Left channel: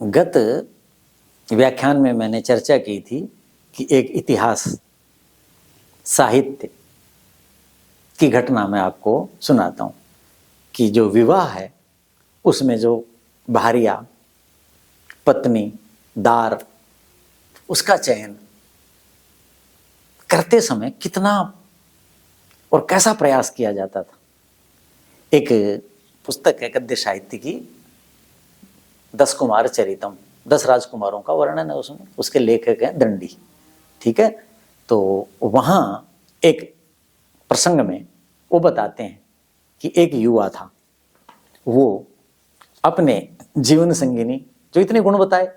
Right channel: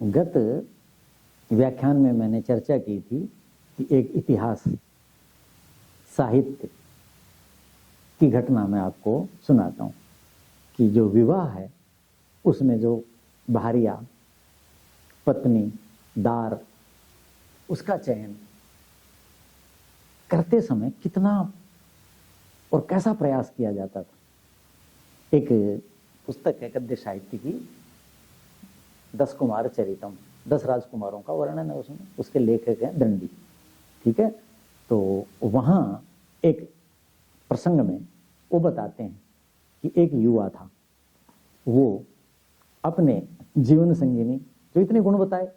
गत व्याख्यान में मैंने चर्चा की थी कि एक इतिहास साहित्य की घटना मैं आपको सुनाता हूँ कि जो विवाह है उसमें जो भारिया पत्नी दार उसका चयन करते समय कितना और कैसा प्रयास किया जाता था। एक पुस्तक है गद्य साहित्य की 10 कुमार चरितम, 10 राजकुमारों का वर्णन है उसमें। उसके लेखक हैं दंडी। ठीक है, तो वहाँ एक प्रसंग में वो बताते हैं कि एक युवा था, वो अपने जीवन संगिनी जो इतने गुण बताए,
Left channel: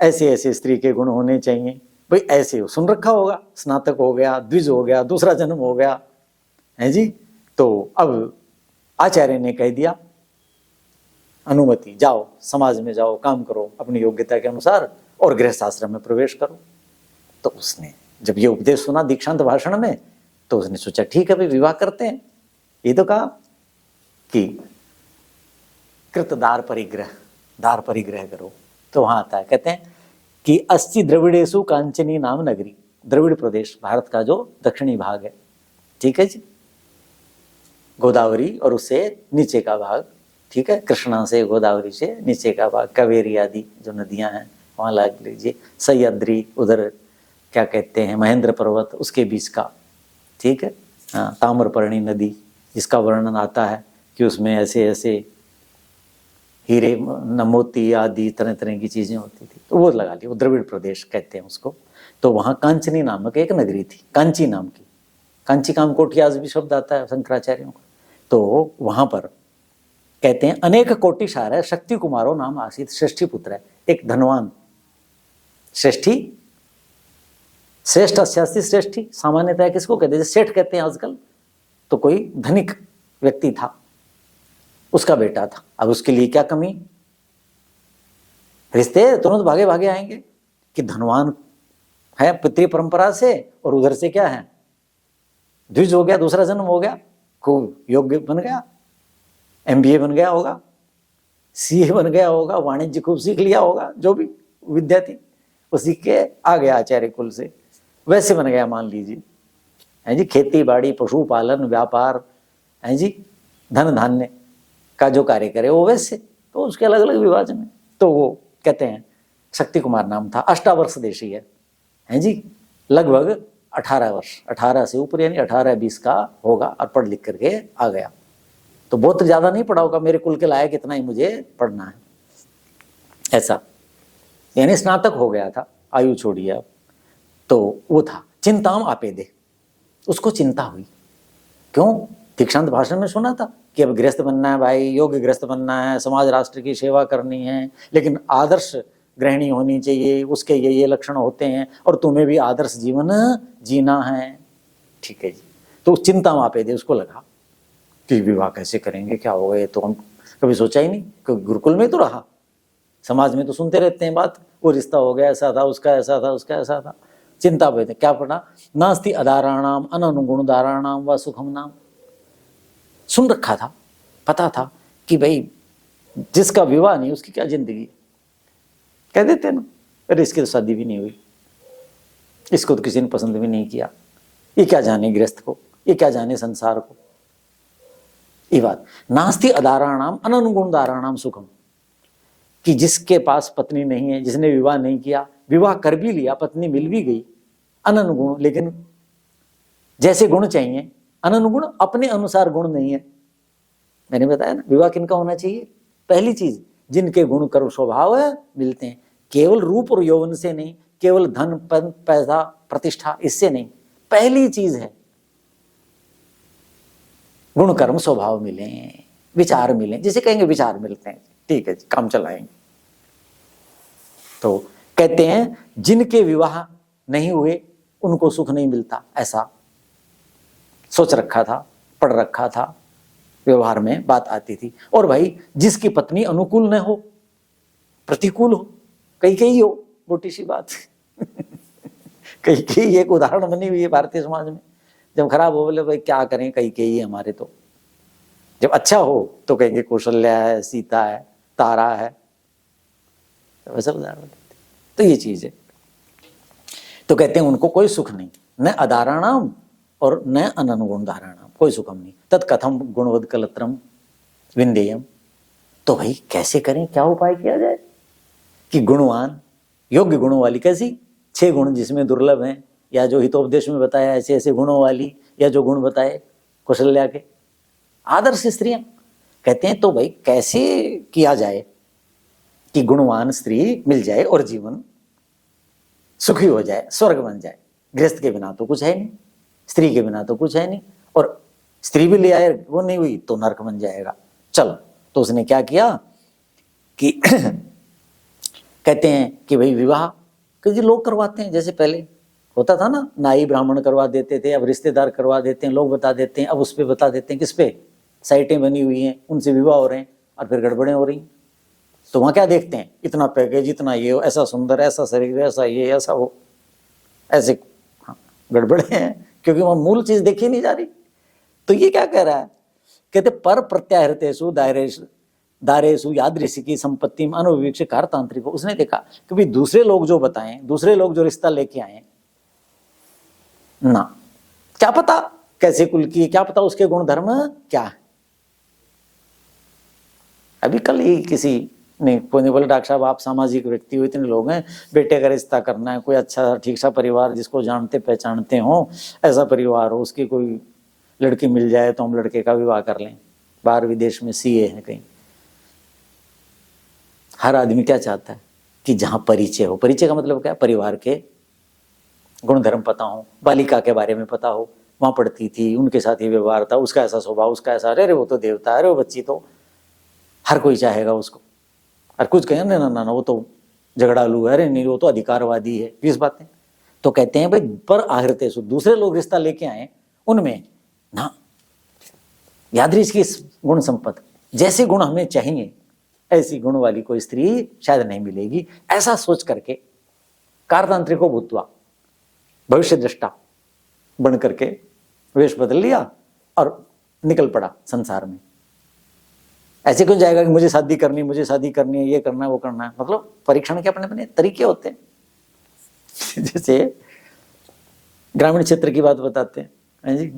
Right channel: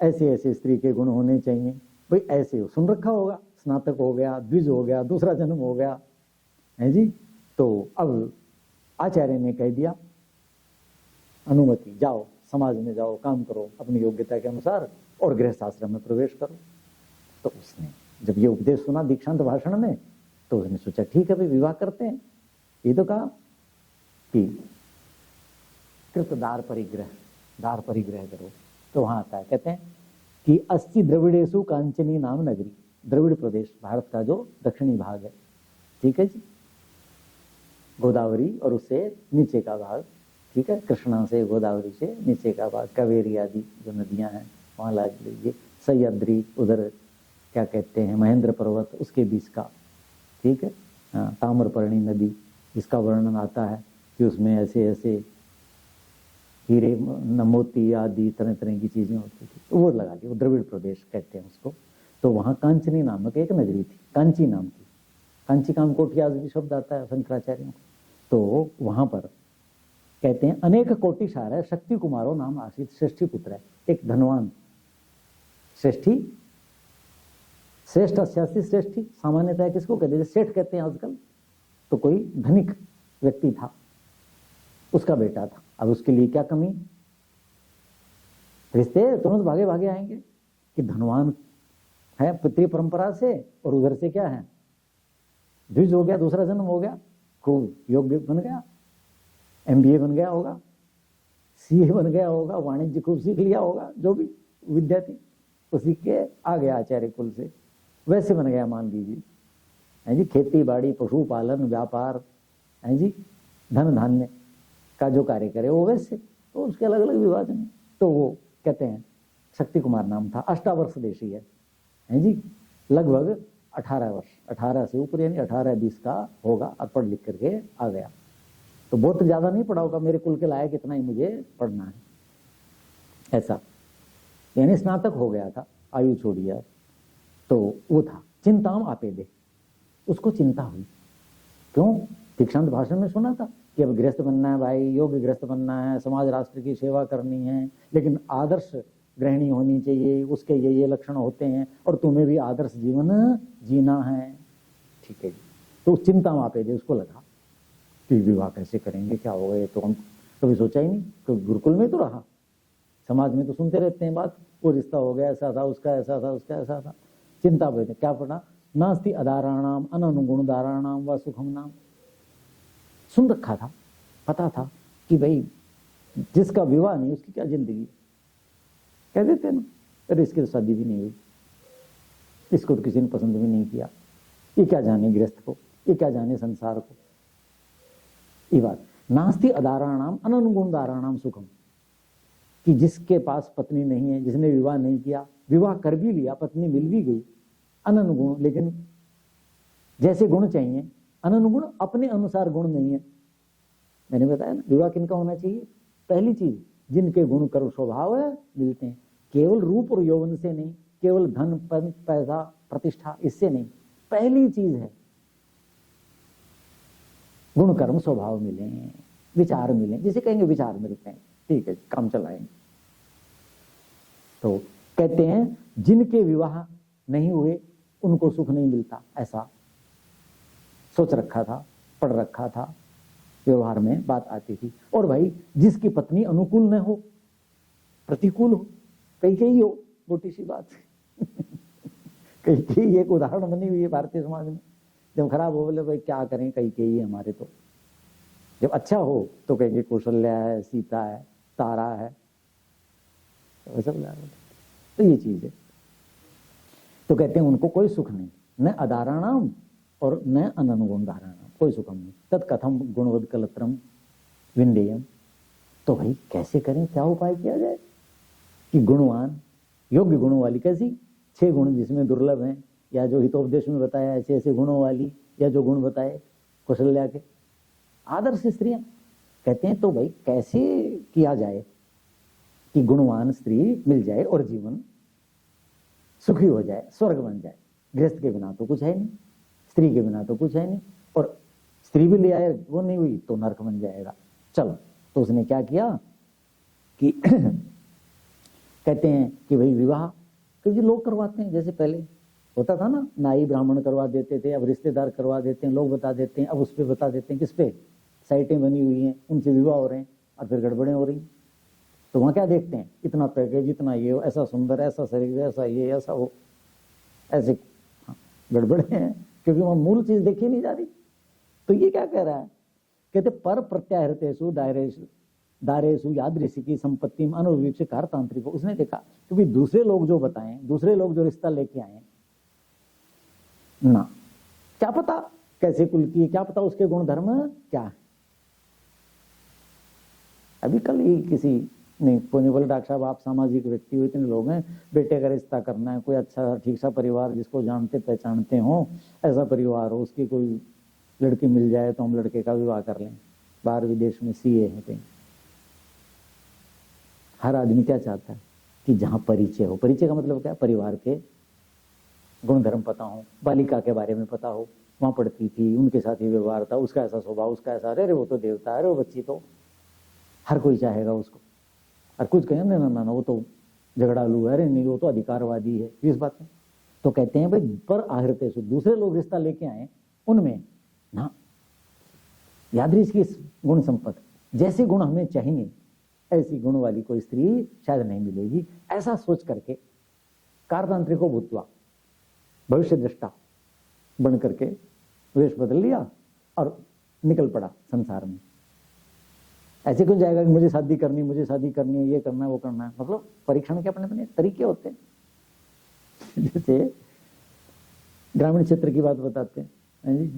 ऐसे ऐसे स्त्री के गुण होने चाहिए, भाई ऐसे सुन रखा होगा, स्नातक हो गया, द्विज हो गया, दूसरा जन्म हो गया है जी। तो अब आचार्य ने कह दिया अनुमति, जाओ समाज में जाओ, काम करो अपनी योग्यता के अनुसार और गृहस्थ आश्रम में प्रवेश करो। तो उसने जब ये उपदेश सुना दीक्षांत भाषण में तो उसने सोचा ठीक है भाई विवाह करते हैं। ये तो कहा कि कृत दार परिग्रह करो। तो वहां आता है, कहते हैं कि 80 द्रविड़ेशु कांचनी नाम नगरी, द्रविड़ प्रदेश भारत का जो दक्षिणी भाग है, ठीक है जी, गोदावरी और उससे नीचे का भाग, ठीक है, कृष्णा से गोदावरी से नीचे का भाग, कावेरी आदि जो नदियां हैं वहां लग लीजिए, सह्याद्री उधर क्या कहते हैं महेंद्र पर्वत उसके बीच का, ठीक है, हाँ, ताम्रपर्णी नदी जिसका वर्णन आता है कि उसमें ऐसे ऐसे हीरे मोती आदि तरह तरह की चीजें होती थी, तो वो लगा ली, वो द्रविड़ प्रदेश कहते हैं उसको। तो वहां कांचनी नामक एक नगरी थी, कांची नाम की, कांची काम कोठी आज भी शब्द आता है शंकराचार्यों का। तो वहां पर कहते हैं अनेक कोटिशार है, शक्ति कुमारो नाम आसित, श्रेष्ठी पुत्र है, एक धनवान श्रेष्ठी, श्रेष्ठ अस्यास्ति श्रेष्ठी सामान्यतः किसको कहते हैं, सेठ कहते हैं आजकल, तो कोई धनिक व्यक्ति था, उसका बेटा था। अब उसके लिए क्या कमी, रिश्ते तुरंत भागे भागे आएंगे कि धनवान है पितृ परंपरा से और उधर से क्या है द्विज हो गया, दूसरा जन्म हो गया, खूब योग्य बन गया, MBA बन गया होगा, CA बन गया होगा, वाणिज्य खूब सीख लिया होगा, जो भी विद्या थी वो सीख के आ गया आचार्य कुल से, वैसे बन गया मान लीजिए, है जी, खेती बाड़ी पशुपालन व्यापार, है जी, धन धान्य का जो कार्य करे वो वैसे, तो उसके अलग अलग विभाजन है। तो वो कहते हैं शक्ति कुमार नाम था, 18 वर्ष देशी है जी, लगभग 18 वर्ष, 18 से ऊपर यानी 18-20 का होगा और पढ़ लिख करके आ गया। तो बहुत ज्यादा नहीं पढ़ा होगा, मेरे कुल के लायक इतना ही मुझे पढ़ना है ऐसा, यानी स्नातक हो गया था, आयु छोड़िए अब। तो वो था चिंताम आपे दे, उसको चिंता हुई, क्यों, दीक्षांत भाषण में सुना था कि अब गृहस्थ बनना है भाई, योग्य गृहस्थ बनना है, समाज राष्ट्र की सेवा करनी है, लेकिन आदर्श गृहिणी होनी चाहिए, उसके ये लक्षण होते हैं और तुम्हें भी आदर्श जीवन जीना है, ठीक है जी। तो चिंता मापे दे, उसको लगा कि विवाह कैसे करेंगे, क्या होगा, ये तो हम कभी सोचा ही नहीं, क्योंकि गुरुकुल में तो रहा, समाज में तो सुनते रहते हैं बात, वो रिश्ता हो गया ऐसा था, उसका ऐसा था, उसका ऐसा था, चिंता पे क्या पढ़ा, नास्ति अदाराणाम अननुगुण दाराणाम व सुखम नाम, सुन रखा था, पता था कि भाई जिसका विवाह नहीं उसकी क्या जिंदगी, कह देते ना, अरे इसकी तो शादी भी नहीं हुई, इसको तो किसी ने पसंद भी नहीं किया, ये क्या जाने गृहस्थ को, ये क्या जाने संसार को, ये बात। नास्ति अदाराणाम अननुगुण दाराणाम सुखम, कि जिसके पास पत्नी नहीं है, जिसने विवाह नहीं किया, विवाह कर भी लिया, पत्नी मिल भी गई, अननुगुण, लेकिन जैसे गुण चाहिए, अननुगुण अपने अनुसार गुण नहीं है। मैंने बताया ना विवाह किनका होना चाहिए, पहली चीज जिनके गुण कर्म स्वभाव मिलते हैं, केवल रूप और यौवन से नहीं, केवल धन पद पैसा प्रतिष्ठा इससे नहीं, पहली चीज है गुण कर्म स्वभाव मिले, विचार मिले, जिसे कहेंगे विचार मिलते हैं, ठीक है जी, काम चलाएंगे। तो कहते हैं जिनके विवाह नहीं हुए उनको सुख नहीं मिलता, ऐसा सोच रखा था, पढ़ रखा था, व्यवहार में बात आती थी। और भाई जिसकी पत्नी अनुकूल न हो, प्रतिकूल हो, कई हो, मोटी सी बात कई एक उदाहरण बनी हुई है भारतीय समाज में, जब खराब हो बोले भाई क्या करें, कई हमारे, तो जब अच्छा हो तो कहेंगे कौशल्या है, सीता है, तारा है, तो वैसा उदाहरण देते। तो ये चीज है। तो कहते हैं उनको कोई सुख नहीं, न अदाराणाम और न अननुगुण धाराणाम, कोई सुखम नहीं। तत्कथम गुणवद कलत्रम विंदेयम। तो भाई कैसे करें, क्या उपाय किया जाए कि गुणवान योग्य गुणों वाली, कैसी 6 गुण जिसमें दुर्लभ हैं, या जो हितोपदेश में बताया ऐसे ऐसे गुणों वाली, या जो गुण बताए कौशल्या के आदर्श स्त्रियां। कहते हैं तो भाई कैसे किया जाए कि गुणवान स्त्री मिल जाए और जीवन सुखी हो जाए, स्वर्ग बन जाए। गृहस्थ के बिना तो कुछ है नहीं, स्त्री के बिना तो कुछ है नहीं, और स्त्री भी ले आए वो नहीं हुई तो नरक बन जाएगा। चलो, तो उसने क्या किया कि कहते हैं कि भाई विवाह कि जी लोग करवाते हैं, जैसे पहले होता था ना, नाई ब्राह्मण करवा देते थे, अब रिश्तेदार करवा देते हैं, लोग बता देते हैं, अब उस पे बता देते हैं, किस पे, साइटें बनी हुई हैं, उनसे विवाह हो रहे हैं और फिर गड़बड़ें हो रही। तो वहाँ क्या देखते हैं, इतना पैकेज, इतना ये, ऐसा सुंदर, ऐसा शरीर, ऐसा ये, ऐसा वो, ऐसे गड़बड़े हैं, क्योंकि वहाँ मूल चीज देखी नहीं जा रही। तो ये क्या कह रहा है, कहते पर प्रत्याहृतेषु दारेषु यादृशी की संपत्ति में अनुविवेक्ष कारतांत्रिक। उसने देखा कि भाई दूसरे लोग जो बताएं, दूसरे लोग जो रिश्ता लेके आए ना, क्या पता कैसे कुल की, क्या पता उसके गुण धर्म क्या है। अभी कल ही किसी ने कोई बोले डॉक्टर साहब आप सामाजिक व्यक्ति हो, इतने लोग हैं, बेटे का रिश्ता करना है, कोई अच्छा ठीक सा परिवार जिसको जानते पहचानते हो, ऐसा परिवार हो, उसकी कोई लड़की मिल जाए तो हम लड़के का विवाह कर लें। बाहर विदेश में सीए है कहीं। हर आदमी क्या चाहता है कि जहां परिचय हो, परिचय का मतलब क्या, परिवार के गुण धर्म पता हो, बालिका के बारे में पता हो, वहां पढ़ती थी, उनके साथ ही व्यवहार था, उसका ऐसा स्वभाव, उसका ऐसा, अरे वो तो देवता, अरे वो बच्ची तो, हर कोई चाहेगा उसको। और कुछ कहें ना ना ना वो तो झगड़ालू है, अरे नहीं वो तो अधिकारवादी है, 20 बातें। तो कहते हैं भाई पर आहृतेषु, दूसरे लोग रिश्ता लेके आए उनमें ना यादृश की गुण संपत्ति, जैसे गुण हमें चाहिए ऐसी गुण वाली कोई स्त्री शायद नहीं मिलेगी। ऐसा सोच करके कारतांत्रिको भूत्वा, भविष्य दृष्टा बन करके वेश बदल लिया और निकल पड़ा संसार में। ऐसे क्यों जाएगा कि मुझे शादी करनी, मुझे शादी करनी है, ये करना है, वो करना है। मतलब परीक्षण के अपने अपने तरीके होते हैं। जैसे ग्रामीण क्षेत्र की बात बताते हैं जी,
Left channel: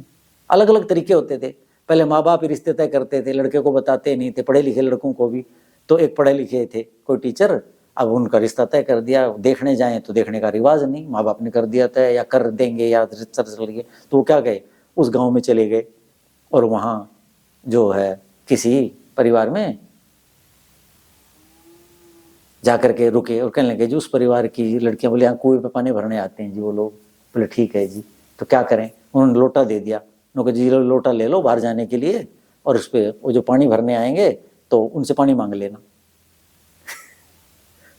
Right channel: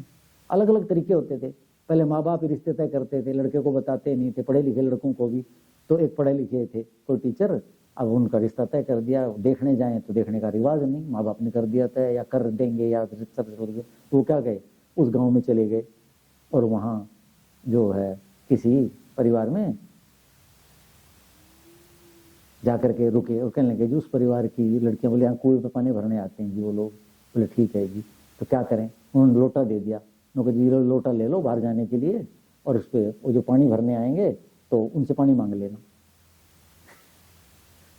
अलग अलग तरीके होते थे। पहले माँ बाप रिश्ते तय करते थे, लड़के को बताते नहीं थे, पढ़े लिखे लड़कों को भी। तो एक पढ़े लिखे थे कोई टीचर, अब उनका रिश्ता तय कर दिया, देखने जाएं तो देखने का रिवाज नहीं, माँ बाप ने कर दिया तय, या कर देंगे या रिश्ता चल गए। तो वो क्या गए, उस गाँव में चले गए और वहाँ जो है किसी परिवार में जाकर के रुके और कहने लगे जी उस परिवार की लड़कियां, बोले यहाँ कुएं पे पानी भरने आते हैं जी वो लोग। बोले ठीक है जी, तो क्या करें, उन्होंने लोटा दे दिया। उन्होंने जी लोटा ले लो बाहर जाने के लिए, और उस पर वो जो पानी भरने आएंगे तो उनसे पानी मांग लेना।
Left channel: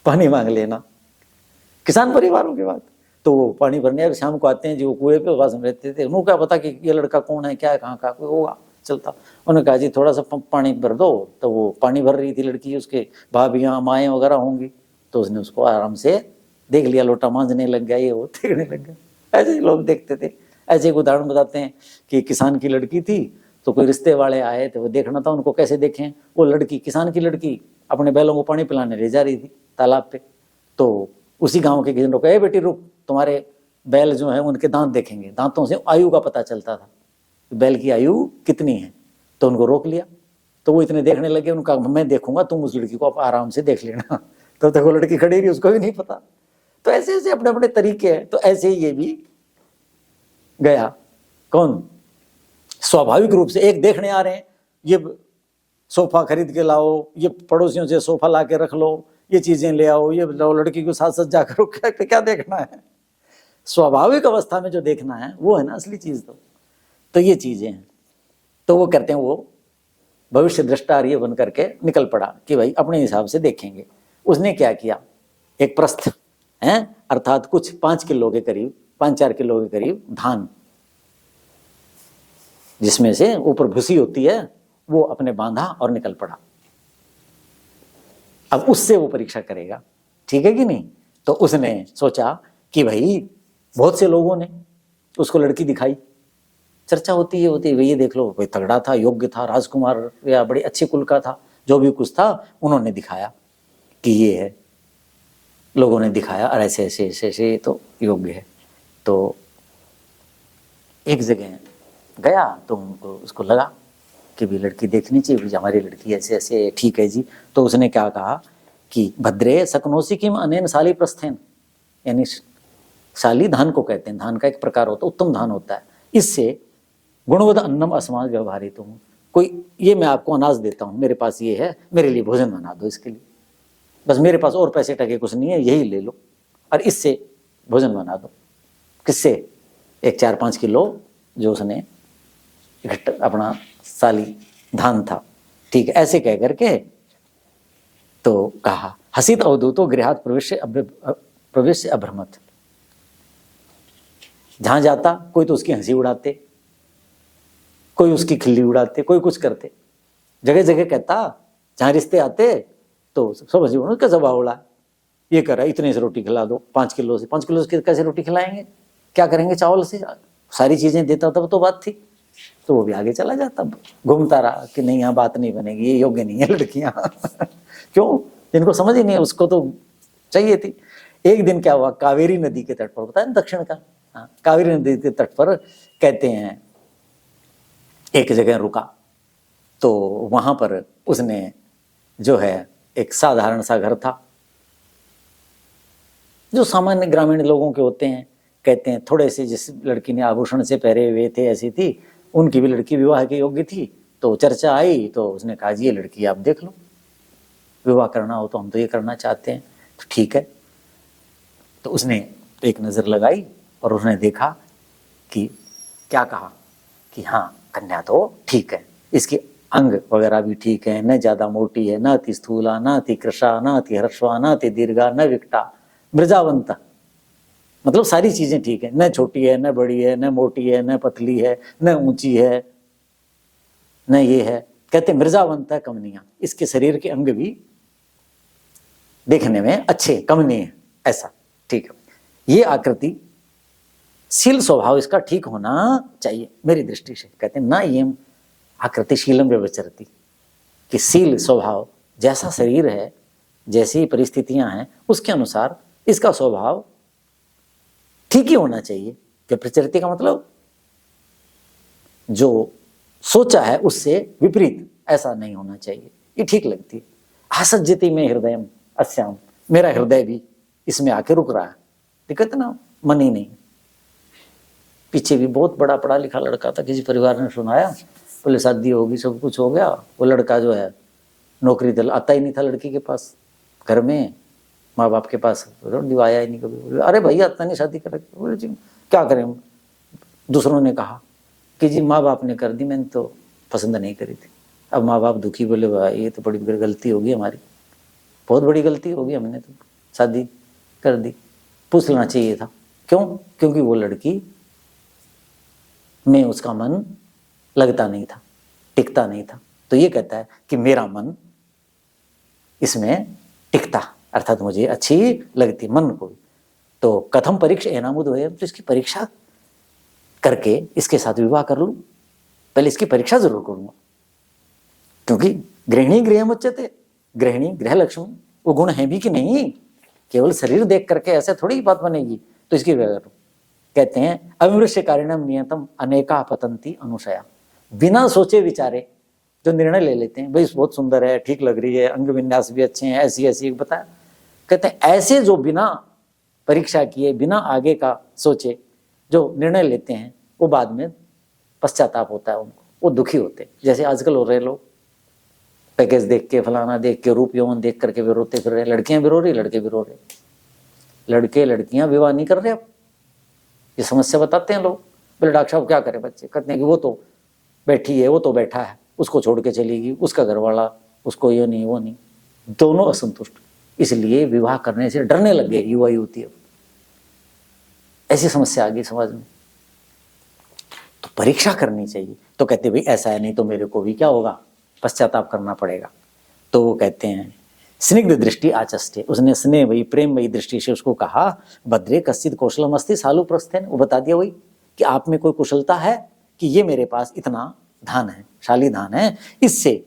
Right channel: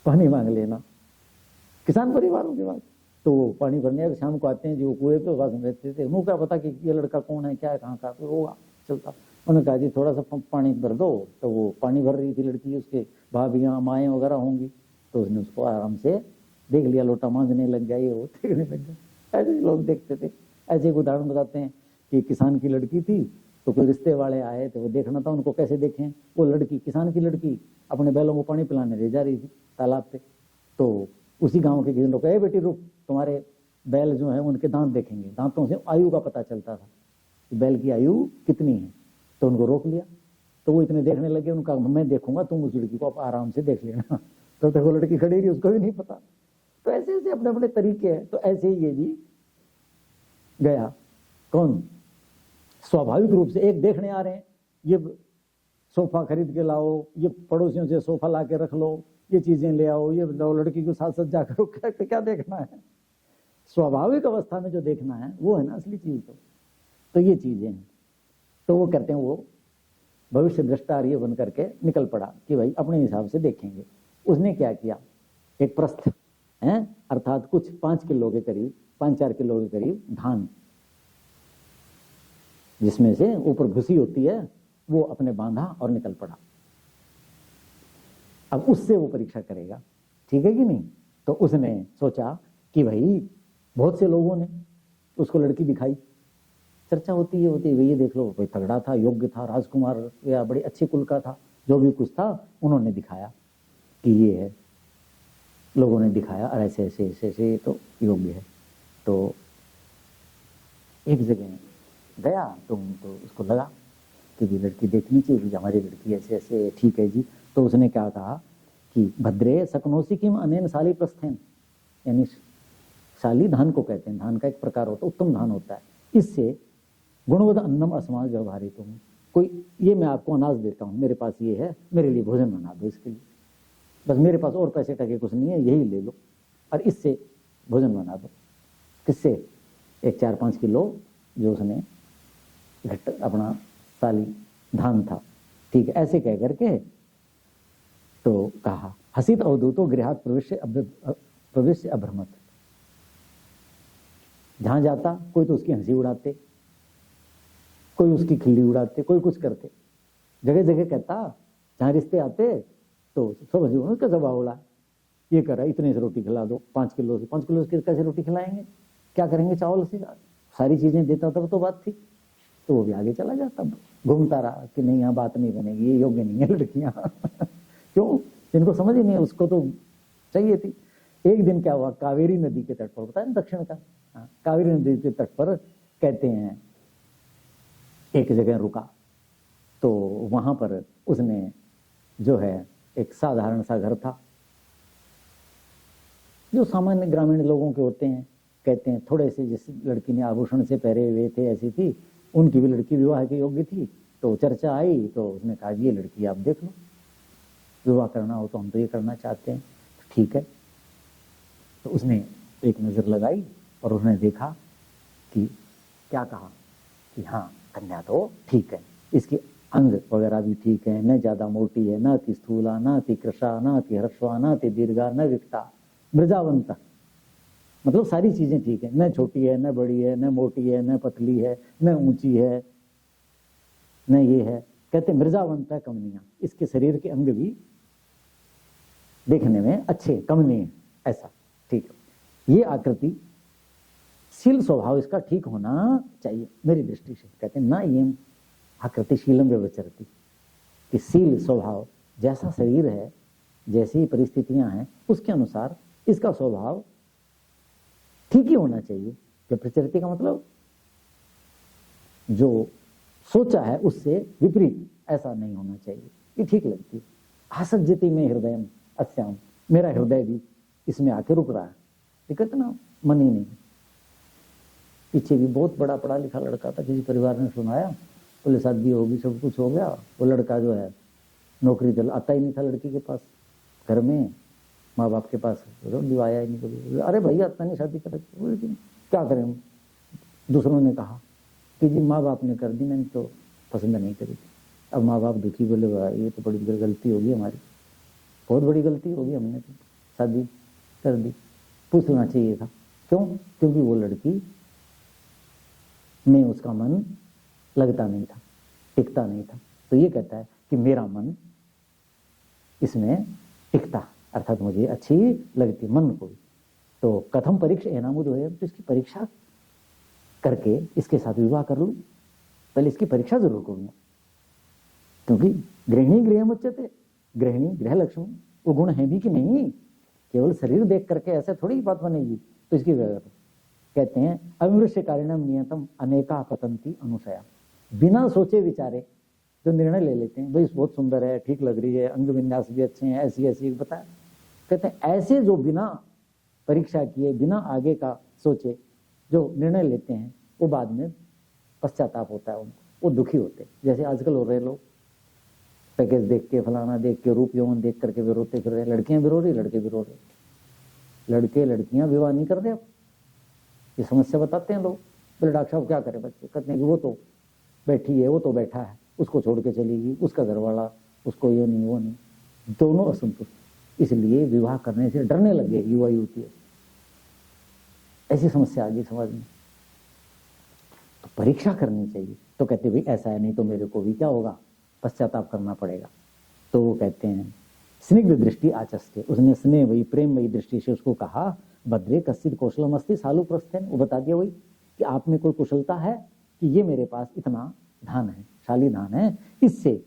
पानी मांग लेना, किसान परिवारों की बात। तो वो पानी भरने और शाम को आते हैं जी, वो कुएं पे वास में रहते थे, उन्होंने क्या पता कि ये लड़का कौन है, क्या है, कहाँ का कोई होगा चलता। उन्होंने कहा जी थोड़ा सा पानी भर दो, तो वो पानी भर रही थी लड़की, उसके भाभियाँ माएँ वगैरह होंगी, तो उसने उसको आराम से देख लिया, लोटा मांझने लग गया, ये वो देखने लग गया। ऐसे ही लोग देखते थे। ऐसे एक उदाहरण बताते हैं कि किसान की लड़की थी, तो कोई रिश्ते वाले आए थे, वो देखना था उनको, कैसे देखें। वो लड़की, किसान की लड़की अपने बैलों को पानी पिलाने ले जा रही थी तालाब पे। तो उसी गाँव के किसी ने कहा बेटी रुक, तुम्हारे बैल जो है उनके दांत देखेंगे। दांतों से आयु का पता चलता था, बैल की आयु कितनी है। तो उनको रोक लिया, तो वो इतने देखने लगे, उनका मैं देखूंगा, तुम उस लड़की को आप आराम से देख लेना। तो देखो लड़की खड़ी रही, उसको भी नहीं पता। तो ऐसे ऐसे अपने अपने तरीके हैं। तो ऐसे ही ये भी गया, कौन, स्वाभाविक रूप से एक देखने आ रहे हैं, ये सोफा खरीद के लाओ, ये पड़ोसियों से सोफा ला के रख लो, ये चीजें ले आओ, ये लड़की को साथ साथ जाकर क्या देखना है। स्वाभाविक अवस्था में जो देखना है वो है ना असली चीज। तो ये चीजें हैं। तो वो करते हैं, वो भविष्य दृष्टा ये बन करके निकल पड़ा कि भाई अपने हिसाब से देखेंगे। उसने क्या किया, एक प्रस्थ है, अर्थात कुछ 5 किलो के करीब, 5-4 किलो के करीब धान, जिसमें से ऊपर भूसी होती है, वो अपने बांधा और निकल पड़ा। अब उससे वो परीक्षा करेगा, ठीक है कि नहीं। तो उसने सोचा कि भाई बहुत से लोगों ने उसको लड़की दिखाई, चर्चा होती है ये देख लो, कोई तगड़ा था, योग्य था, राजकुमार या बड़े अच्छे कुल का था, जो भी कुछ था उन्होंने दिखाया कि ये है। लोगों ने दिखाया और ऐसे ऐसे ऐसे ऐसे ये तो योग्य है। तो एक जगह गया तो उनको उसको लगा कि भी लड़की देखनी चाहिए, भी हमारी लड़की ऐसे ऐसे ठीक है जी। तो उसने क्या कहा कि भद्रे सकनोसी किम अनेन शाली प्रस्थेन, यानी शाली धान को कहते हैं, धान का एक प्रकार होता है, उत्तम धान होता है, इससे गुणवद अन्नम अस्माद व्यवहारित हूँ, कोई ये मैं आपको अनाज देता हूँ, मेरे पास ये है, मेरे लिए भोजन बना दो, इसके लिए बस मेरे पास और पैसे टके कुछ नहीं है, यही ले लो और इससे भोजन बना दो। किससे? एक 4-5 किलो जो उसने इकट्ठा अपना साली धान था, ठीक है, ऐसे कह करके तो कहा हसित अवधूतो गृहात प्रवेश अभ्रमत। जहां जाता कोई तो उसकी हंसी उड़ाते, कोई उसकी खिल्ली उड़ाते, कोई कुछ करते, जगह जगह कहता, जहां रिश्ते आते तो सब हंसी उड़ा, कैसा बावड़ा ये कर रहा है, इतने से रोटी खिला दो, 5 किलो से कैसे रोटी खिलाएंगे, क्या करेंगे चावल से, सारी चीजें देता तब तो बात थी। तो वो भी आगे चला जाता, घूमता रहा कि नहीं यहाँ बात नहीं बनेगी, ये योग्य नहीं है लड़कियां क्यों? जिनको समझ ही नहीं है उसको तो चाहिए थी। एक दिन क्या हुआ, कावेरी नदी के तट पर, पता है दक्षिण का, हाँ, कावेरी नदी के तट पर कहते हैं एक जगह रुका, तो वहां पर उसने जो है एक साधारण सा घर था, जो सामान्य ग्रामीण लोगों के होते हैं, कहते हैं थोड़े से, जिस लड़की ने आभूषण से पहरे हुए थे ऐसी थी, उनकी भी लड़की विवाह के योग्य थी। तो चर्चा आई तो उसने कहा जी ये लड़की आप देख लो, विवाह करना हो तो हम तो ये करना चाहते हैं, तो ठीक है। तो उसने एक नज़र लगाई और उसने देखा कि क्या कहा कि हाँ कन्या तो ठीक है, इसके अंग वगैरह भी ठीक है, न ज़्यादा मोटी है, न अति स्थूला, न अति कृशा, न अति हर्षवा, न अति दीर्घा, न विकटा, मृजावंता, मतलब सारी चीजें ठीक है, न छोटी है, न बड़ी है, न मोटी है, न पतली है, न ऊंची है, न ये है, कहते मृजावंता कमनिया, इसके शरीर के अंग भी देखने में अच्छे कमनीय, ऐसा ठीक है, ये आकृति शील स्वभाव इसका ठीक होना चाहिए मेरी दृष्टि से। कहते हैं ना ये आकृति शीलम व्यवचरती, कि शील स्वभाव जैसा शरीर है, जैसी परिस्थितियां हैं, उसके अनुसार इसका स्वभाव ठीक ही होना चाहिए। व्यप्रचरती का मतलब जो सोचा है उससे विपरीत ऐसा नहीं होना चाहिए, ये ठीक लगती है। आसज्जति में हृदय अस्याम, मेरा हृदय भी इसमें आके रुक रहा है, दिक्कत ना, मन ही नहीं। पीछे भी बहुत बड़ा पढ़ा लिखा लड़का था, किसी परिवार ने सुनाया, बोले शादी होगी, सब कुछ हो गया, वो लड़का जो है नौकरी दल आता ही नहीं था लड़की के पास, घर में माँ बाप के पास आया ही नहीं कभी। अरे भैया आता नहीं, शादी कर, बोले जी क्या करें, दूसरों ने कहा कि जी माँ बाप ने कर दी, मैंने तो पसंद नहीं करी थी। अब माँ बाप दुखी, बोले भाई ये तो बड़ी गलती होगी हमारी, बहुत बड़ी गलती होगी, हमने तो शादी कर दी, पूछ लेना चाहिए था। क्यों? क्योंकि वो लड़की में उसका मन लगता नहीं था, टिकता नहीं था। तो ये कहता है कि मेरा मन इसमें टिकता, अर्थात मुझे अच्छी लगती मन को। तो कथम परीक्षा एनामुद है, तो इसकी परीक्षा करके इसके साथ विवाह कर लूं, पहले इसकी परीक्षा जरूर करूंगा, क्योंकि गृहिणी गृह मुच्यते, गृहिणी गृह लक्ष्मी, वो गुण है भी कि नहीं, केवल शरीर देख करके ऐसे थोड़ी बात बनेगी। तो इसकी विवाह करूं। कहते हैं अविमृश्य कारिणम नियतम अनेका पतंती अनुशया, बिना सोचे विचारे जो निर्णय ले लेते हैं, भाई बहुत सुंदर है, ठीक लग रही है, अंग विन्यास भी अच्छे हैं, ऐसी ऐसी बताया। कहते हैं ऐसे जो बिना परीक्षा किए, बिना आगे का सोचे जो निर्णय लेते हैं, वो बाद में पश्चाताप होता है उनको, वो दुखी होते हैं। जैसे आजकल हो रहे लोग, पैकेज देख के, फलाना देख के, रूप यौवन देख करके भी रोते फिर रहे, लड़कियां भी रो रही, लड़के भी रो रहे, लड़के लड़कियां विवाह नहीं कर रहे। अब ये समस्या बताते हैं लोग, बोले डॉक्टर साहब क्या करें बच्चे, कहते हैं कि वो तो बैठी है, वो तो बैठा है, उसको छोड़ के चलेगी, उसका घर वाला उसको ये नहीं वो नहीं, दोनों असंतुष्ट, इसलिए विवाह करने से डरने लग गए युवा युवती। अब ऐसी समस्या आ गई समाज में, तो परीक्षा करनी चाहिए। तो कहते भाई ऐसा है, नहीं तो मेरे को भी क्या होगा, पश्चाताप करना पड़ेगा। तो वो कहते हैं स्निग्ध दृष्टि आचस्ते, उसने स्नेह वही प्रेम वही दृष्टि से उसको कहा भद्रे कश्चित कौशलम अस्ति सालु प्रस्थेन, वो बता दिया वही कि आप में कोई कुशलता है कि ये मेरे पास इतना धान है, शाली धान है, इससे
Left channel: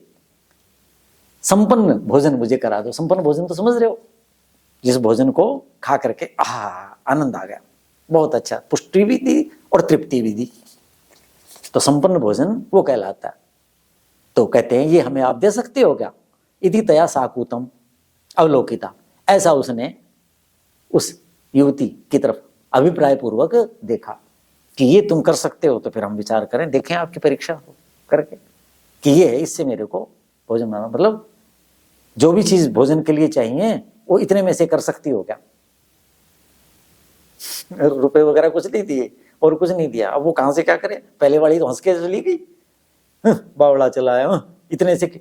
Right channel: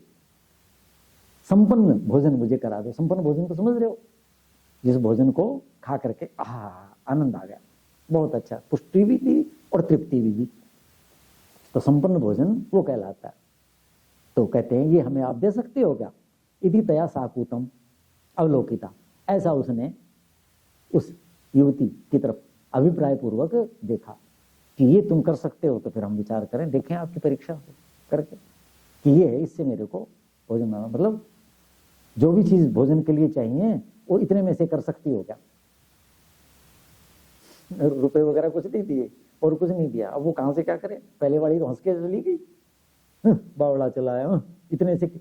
संपन्न भोजन मुझे करा दो। संपन्न भोजन तो समझ रहे हो, जिस भोजन को खा करके आनंद आ गया, बहुत अच्छा, पुष्टि भी दी और तृप्ति भी दी, तो संपन्न भोजन वो कहलाता है। तो कहते हैं ये हमें आप दे सकते हो क्या? इति तया साकूतम अवलोकिता, ऐसा उसने उस युवती की तरफ अभिप्राय पूर्वक देखा कि ये तुम कर सकते हो, तो फिर हम विचार करें, देखें आपकी परीक्षा करके कि ये है, इससे मेरे को भोजन बनाना, मतलब जो भी चीज भोजन के लिए चाहिए वो इतने में से कर सकती हो क्या? रुपए वगैरह कुछ नहीं दिए और कुछ नहीं दिया, अब वो कहां से क्या करे? पहले वाली तो हंस के चली गई, बावड़ा चलाया, इतने से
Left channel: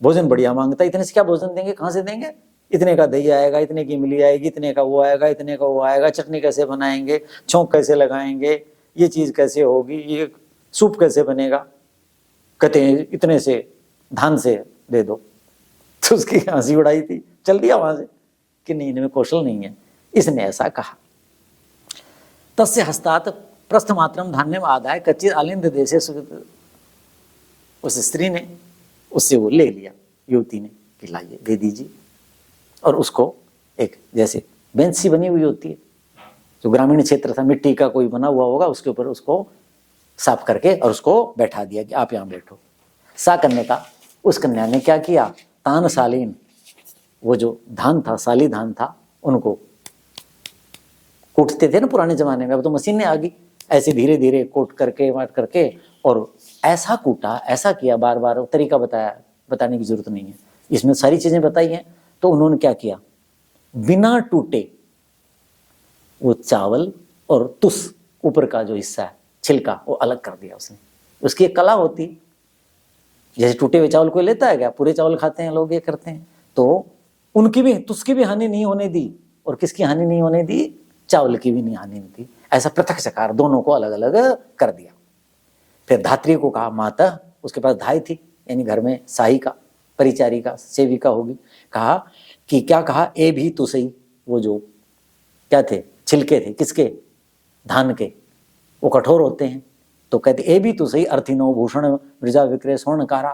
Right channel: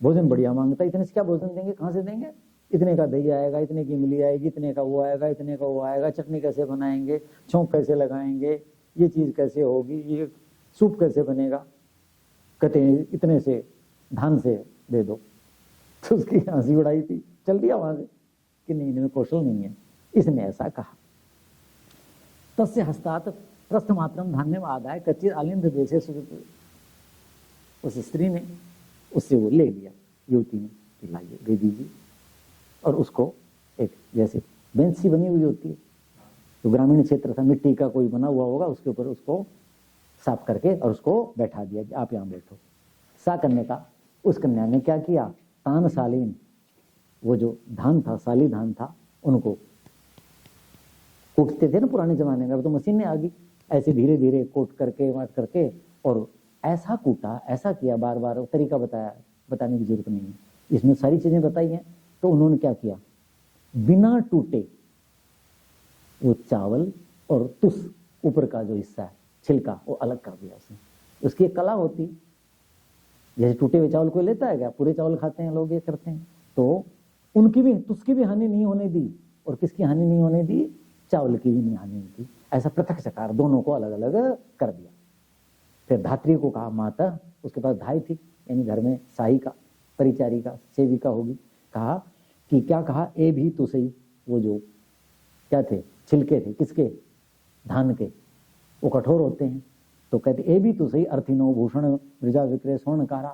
भोजन बढ़िया मांगता, इतने से क्या भोजन देंगे, कहां से देंगे? इतने का दही आएगा, इतने की इमली आएगी, इतने का वो आएगा, इतने का वो आएगा, चटनी कैसे बनाएंगे, छौंक कैसे लगाएंगे, ये चीज कैसे होगी, ये सूप कैसे बनेगा, कहते हैं इतने से धान से दे दो। तो उसकी हंसी उड़ाई थी, चल दिया वहां से कि नहीं, इनमें कौशल नहीं है, इसने ऐसा कहा। तस्य हस्तात प्रस्थमात्रम धान्यम आदाय कच्चित आलिंद देशे, उस स्त्री ने उससे वो ले लिया, युवती ने, कि लाइए दे दीजिए, और उसको एक जैसे बेंच सी बनी हुई होती है, जो ग्रामीण क्षेत्र था, मिट्टी का कोई बना हुआ होगा, उसके ऊपर उसको साफ करके और उसको बैठा दिया कि आप यहाँ बैठो। सा कन्या का, उस कन्या ने क्या किया, तान सालीन, वो जो धान था, साली धान था, उनको कूटते थे ना पुराने जमाने में, अब तो मशीनें आ गई, ऐसे धीरे धीरे कोट करके वाट करके, और ऐसा कूटा, ऐसा किया, बार बार तरीका बताया, बताने की जरूरत नहीं है, इसमें सारी चीजें बताई हैं। तो उन्होंने क्या किया, बिना टूटे वो चावल और तुस ऊपर का जो हिस्सा है, छिलका, वो अलग कर दिया उसने। उसकी एक कला होती, जैसे टूटे हुए चावल कोई लेता है क्या, पूरे चावल खाते हैं लोग, ये करते हैं, तो उनकी भी, तुसकी भी हानि नहीं होने दी, और किसकी हानि नहीं होने दी, चावल की भी नहीं हानि नहीं दी, ऐसा पृथक चकार दोनों को अलग अलग कर दिया। फिर धात्री को कहा, माता, उसके पास धाई थी, यानी घर में सहायिका, परिचारिका, सेविका होगी, कहा कि क्या कहा, ए भी तो सही, वो जो क्या थे, छिलके थे, किसके, धान के, वो कठोर होते हैं, तो कहते ए भी तो सही, अर्थिनो भूषण वृजा विक्रय स्वर्णकारा,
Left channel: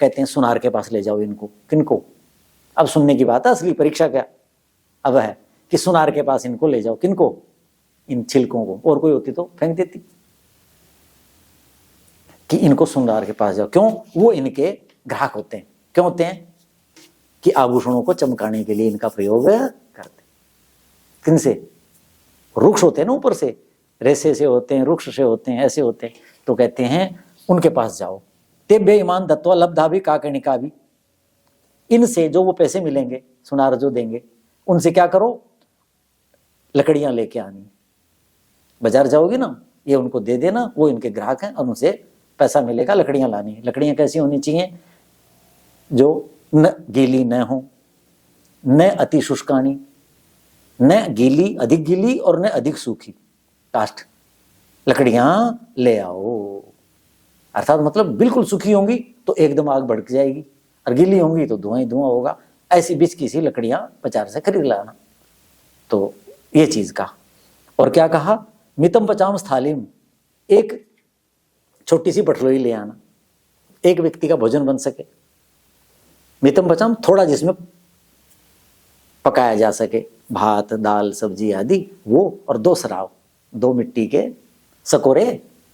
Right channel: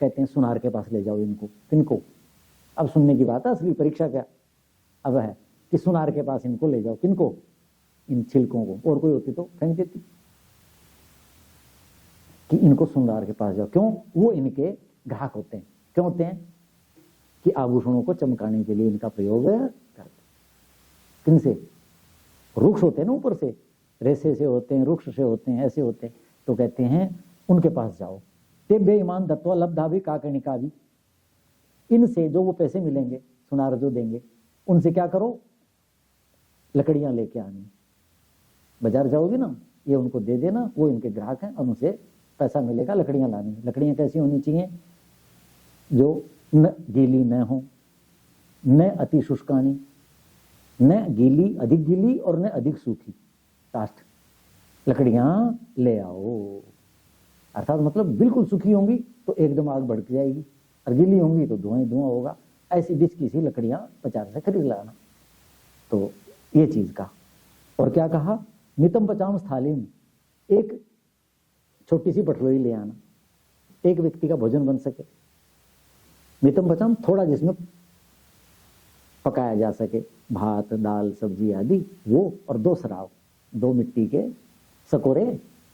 कहते हैं सुनार के पास ले जाओ इनको। किनको? अब सुनने की बात है, असली परीक्षा क्या अब है कि सुनार के पास इनको ले जाओ। किनको? इन छिलकों को, और कोई होती तो फेंक देती, कि इनको सुनार के पास जाओ। क्यों? वो इनके ग्राहक होते हैं। क्यों होते हैं? कि आभूषणों को चमकाने के लिए इनका प्रयोग करते। किनसे? वृक्ष होते हैं ना, ऊपर से रेसे से होते हैं, वृक्ष से होते हैं, ऐसे होते हैं, तो कहते हैं उनके पास जाओ। तेभ्य ईमान दत्वा लब्धा भी काकर्णिका भी, इनसे जो वो पैसे मिलेंगे, सुनार जो देंगे, उनसे क्या करो, लकड़ियां लेके आनी। बाजार जाओगी ना, ये उनको दे देना, वो इनके ग्राहक हैं और उनसे पैसा मिलेगा, लकड़ियां लानी है। लकड़ियां कैसी होनी चाहिए, जो न गीली न हो, न अति शुष्कानी, न गीली, अधिक गीली और न अधिक सूखी, काष्ठ लकड़ियां ले आओ। अर्थात मतलब बिल्कुल सूखी होंगी तो एकदम आग भड़क जाएगी, और गीली होंगी तो धुआं ही धुआं होगा, ऐसी बीच की सी लकड़ियां बाजार से खरीद लाना। तो ये चीज का, और क्या कहा, मितम पचाम स्थालिम, एक छोटी सी बटलोई ले आना, एक व्यक्ति का भोजन बन सके। मितम पचाम, थोड़ा जिसमें पकाया जा सके, भात, दाल, सब्जी आदि, वो, और 2 सराव, 2 मिट्टी के सकोरे,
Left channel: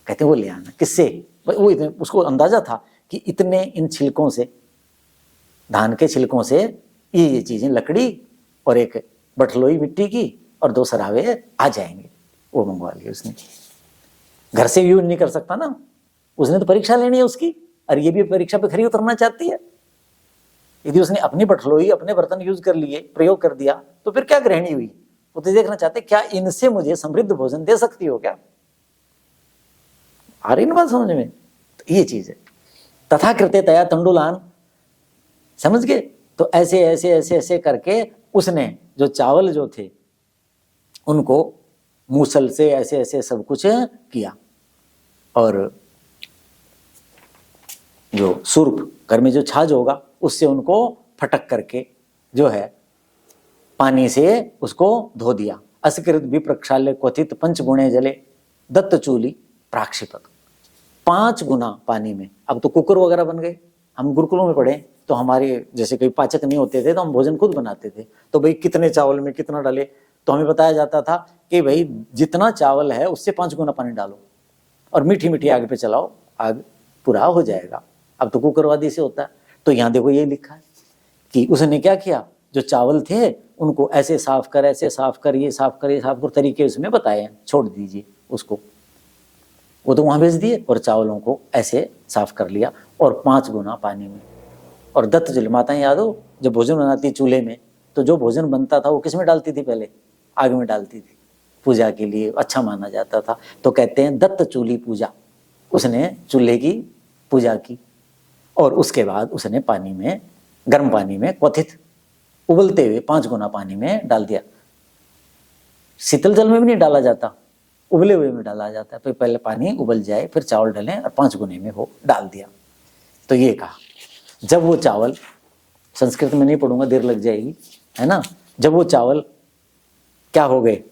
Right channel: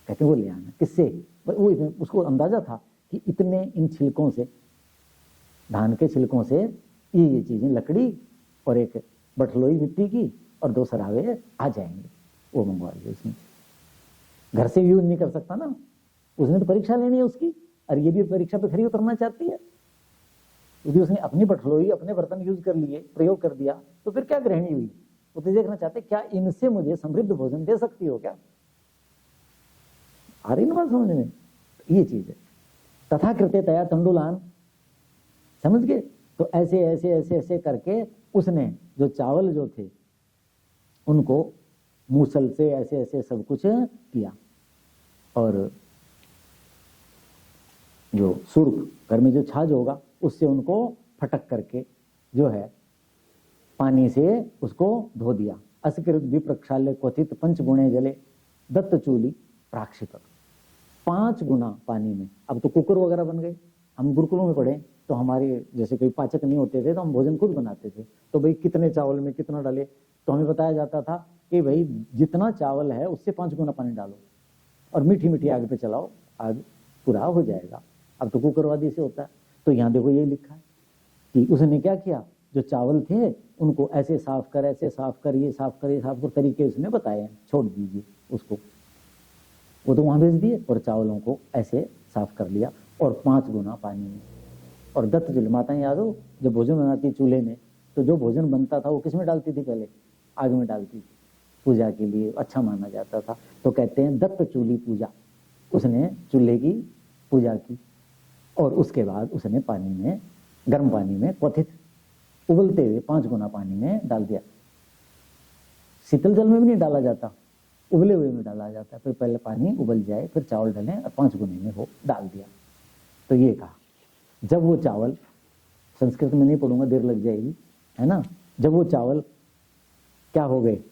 कहते हैं वो ले आना। किससे? वो इतने, उसको अंदाजा था कि इतने इन छिलकों से, धान के छिलकों से ये चीजें, लकड़ी और एक बटलोई मिट्टी की और 2 सरावे आ जाएंगे। वो मंगवा लिए उसने। घर से यूज नहीं कर सकता ना, उसने तो परीक्षा लेनी है उसकी, और ये भी परीक्षा पे खरी उतरना चाहती है। यदि उसने अपनी बटलोई, अपने बर्तन यूज कर लिए, प्रयोग कर दिया, तो फिर क्या गृहिणी हुई? वो तो देखना चाहते क्या इनसे मुझे समृद्ध भोजन दे सकती हो क्या? आ रही ना बात समझ में? तो ये चीज है। तथा कृत्य तया तंडुलान, समझ गए? तो ऐसे ऐसे ऐसे ऐसे करके उसने जो चावल जो थे उनको मूसल से ऐसे ऐसे सब कुछ किया, और जो सुर्प, घर में जो छाछ होगा, उससे उनको फटक करके जो है पानी से उसको धो दिया। असकृत भी प्रक्षाल्य क्वथित 5 गुणे जले दत्त चूली प्राक्षिपत, 5 गुना पानी में। अब तो कुकर वगैरह बन गए, हम गुरुकुलों में पढ़े तो हमारे जैसे कोई पाचक नहीं होते थे तो हम भोजन खुद बनाते थे। तो भाई कितने चावल में कितना डाले, तो हमें बताया जाता था कि भाई जितना चावल है उससे 5 गुना पानी डालो और मीठी मीठी आग पे चलाओ, आग पूरा हो जाएगा। अब तो कुकरवादी से होता है। तो यहाँ देखो ये लिखा है कि उसने क्या किया, जो चावल थे उनको ऐसे साफ कर, ऐसे साफ कर, ये साफ कर, ये साफ कर, तरीके उसमें बताए हैं, छोड़ दीजिए उसको। वो तो वहां भेज दिए और चावलों को ऐसे साफ कर लिया और 5 गुना पानी में। और दत्त जल माताएं याद हो, जब भोजन बनाती चूल्हे में, तो जो भोजन बनता था वो किस में डालती थी, पहले आग में डालती थी, पूजा के लिए अच्छा माना जाता था। तो कहते हैं दत्त चूल्ही पूजा, उसने चूल्हे की पूजा की और उसके बाद उसने पानी में, गर्म पानी में क्वथित उबलते हुए 5 गुना पानी में डाल दिया। शीतल जल में भी नहीं डाला जाता, उबले हुए में डाला जाता है। तो पहले पानी उबल जाए फिर चावल डालें और 5 गुने में हो डाल दिया। तो ये कहा, जब वो चावल, संस्कृत में नहीं पढ़ूंगा देर लग जाएगी, है ना, जब वो चावल क्या हो गए,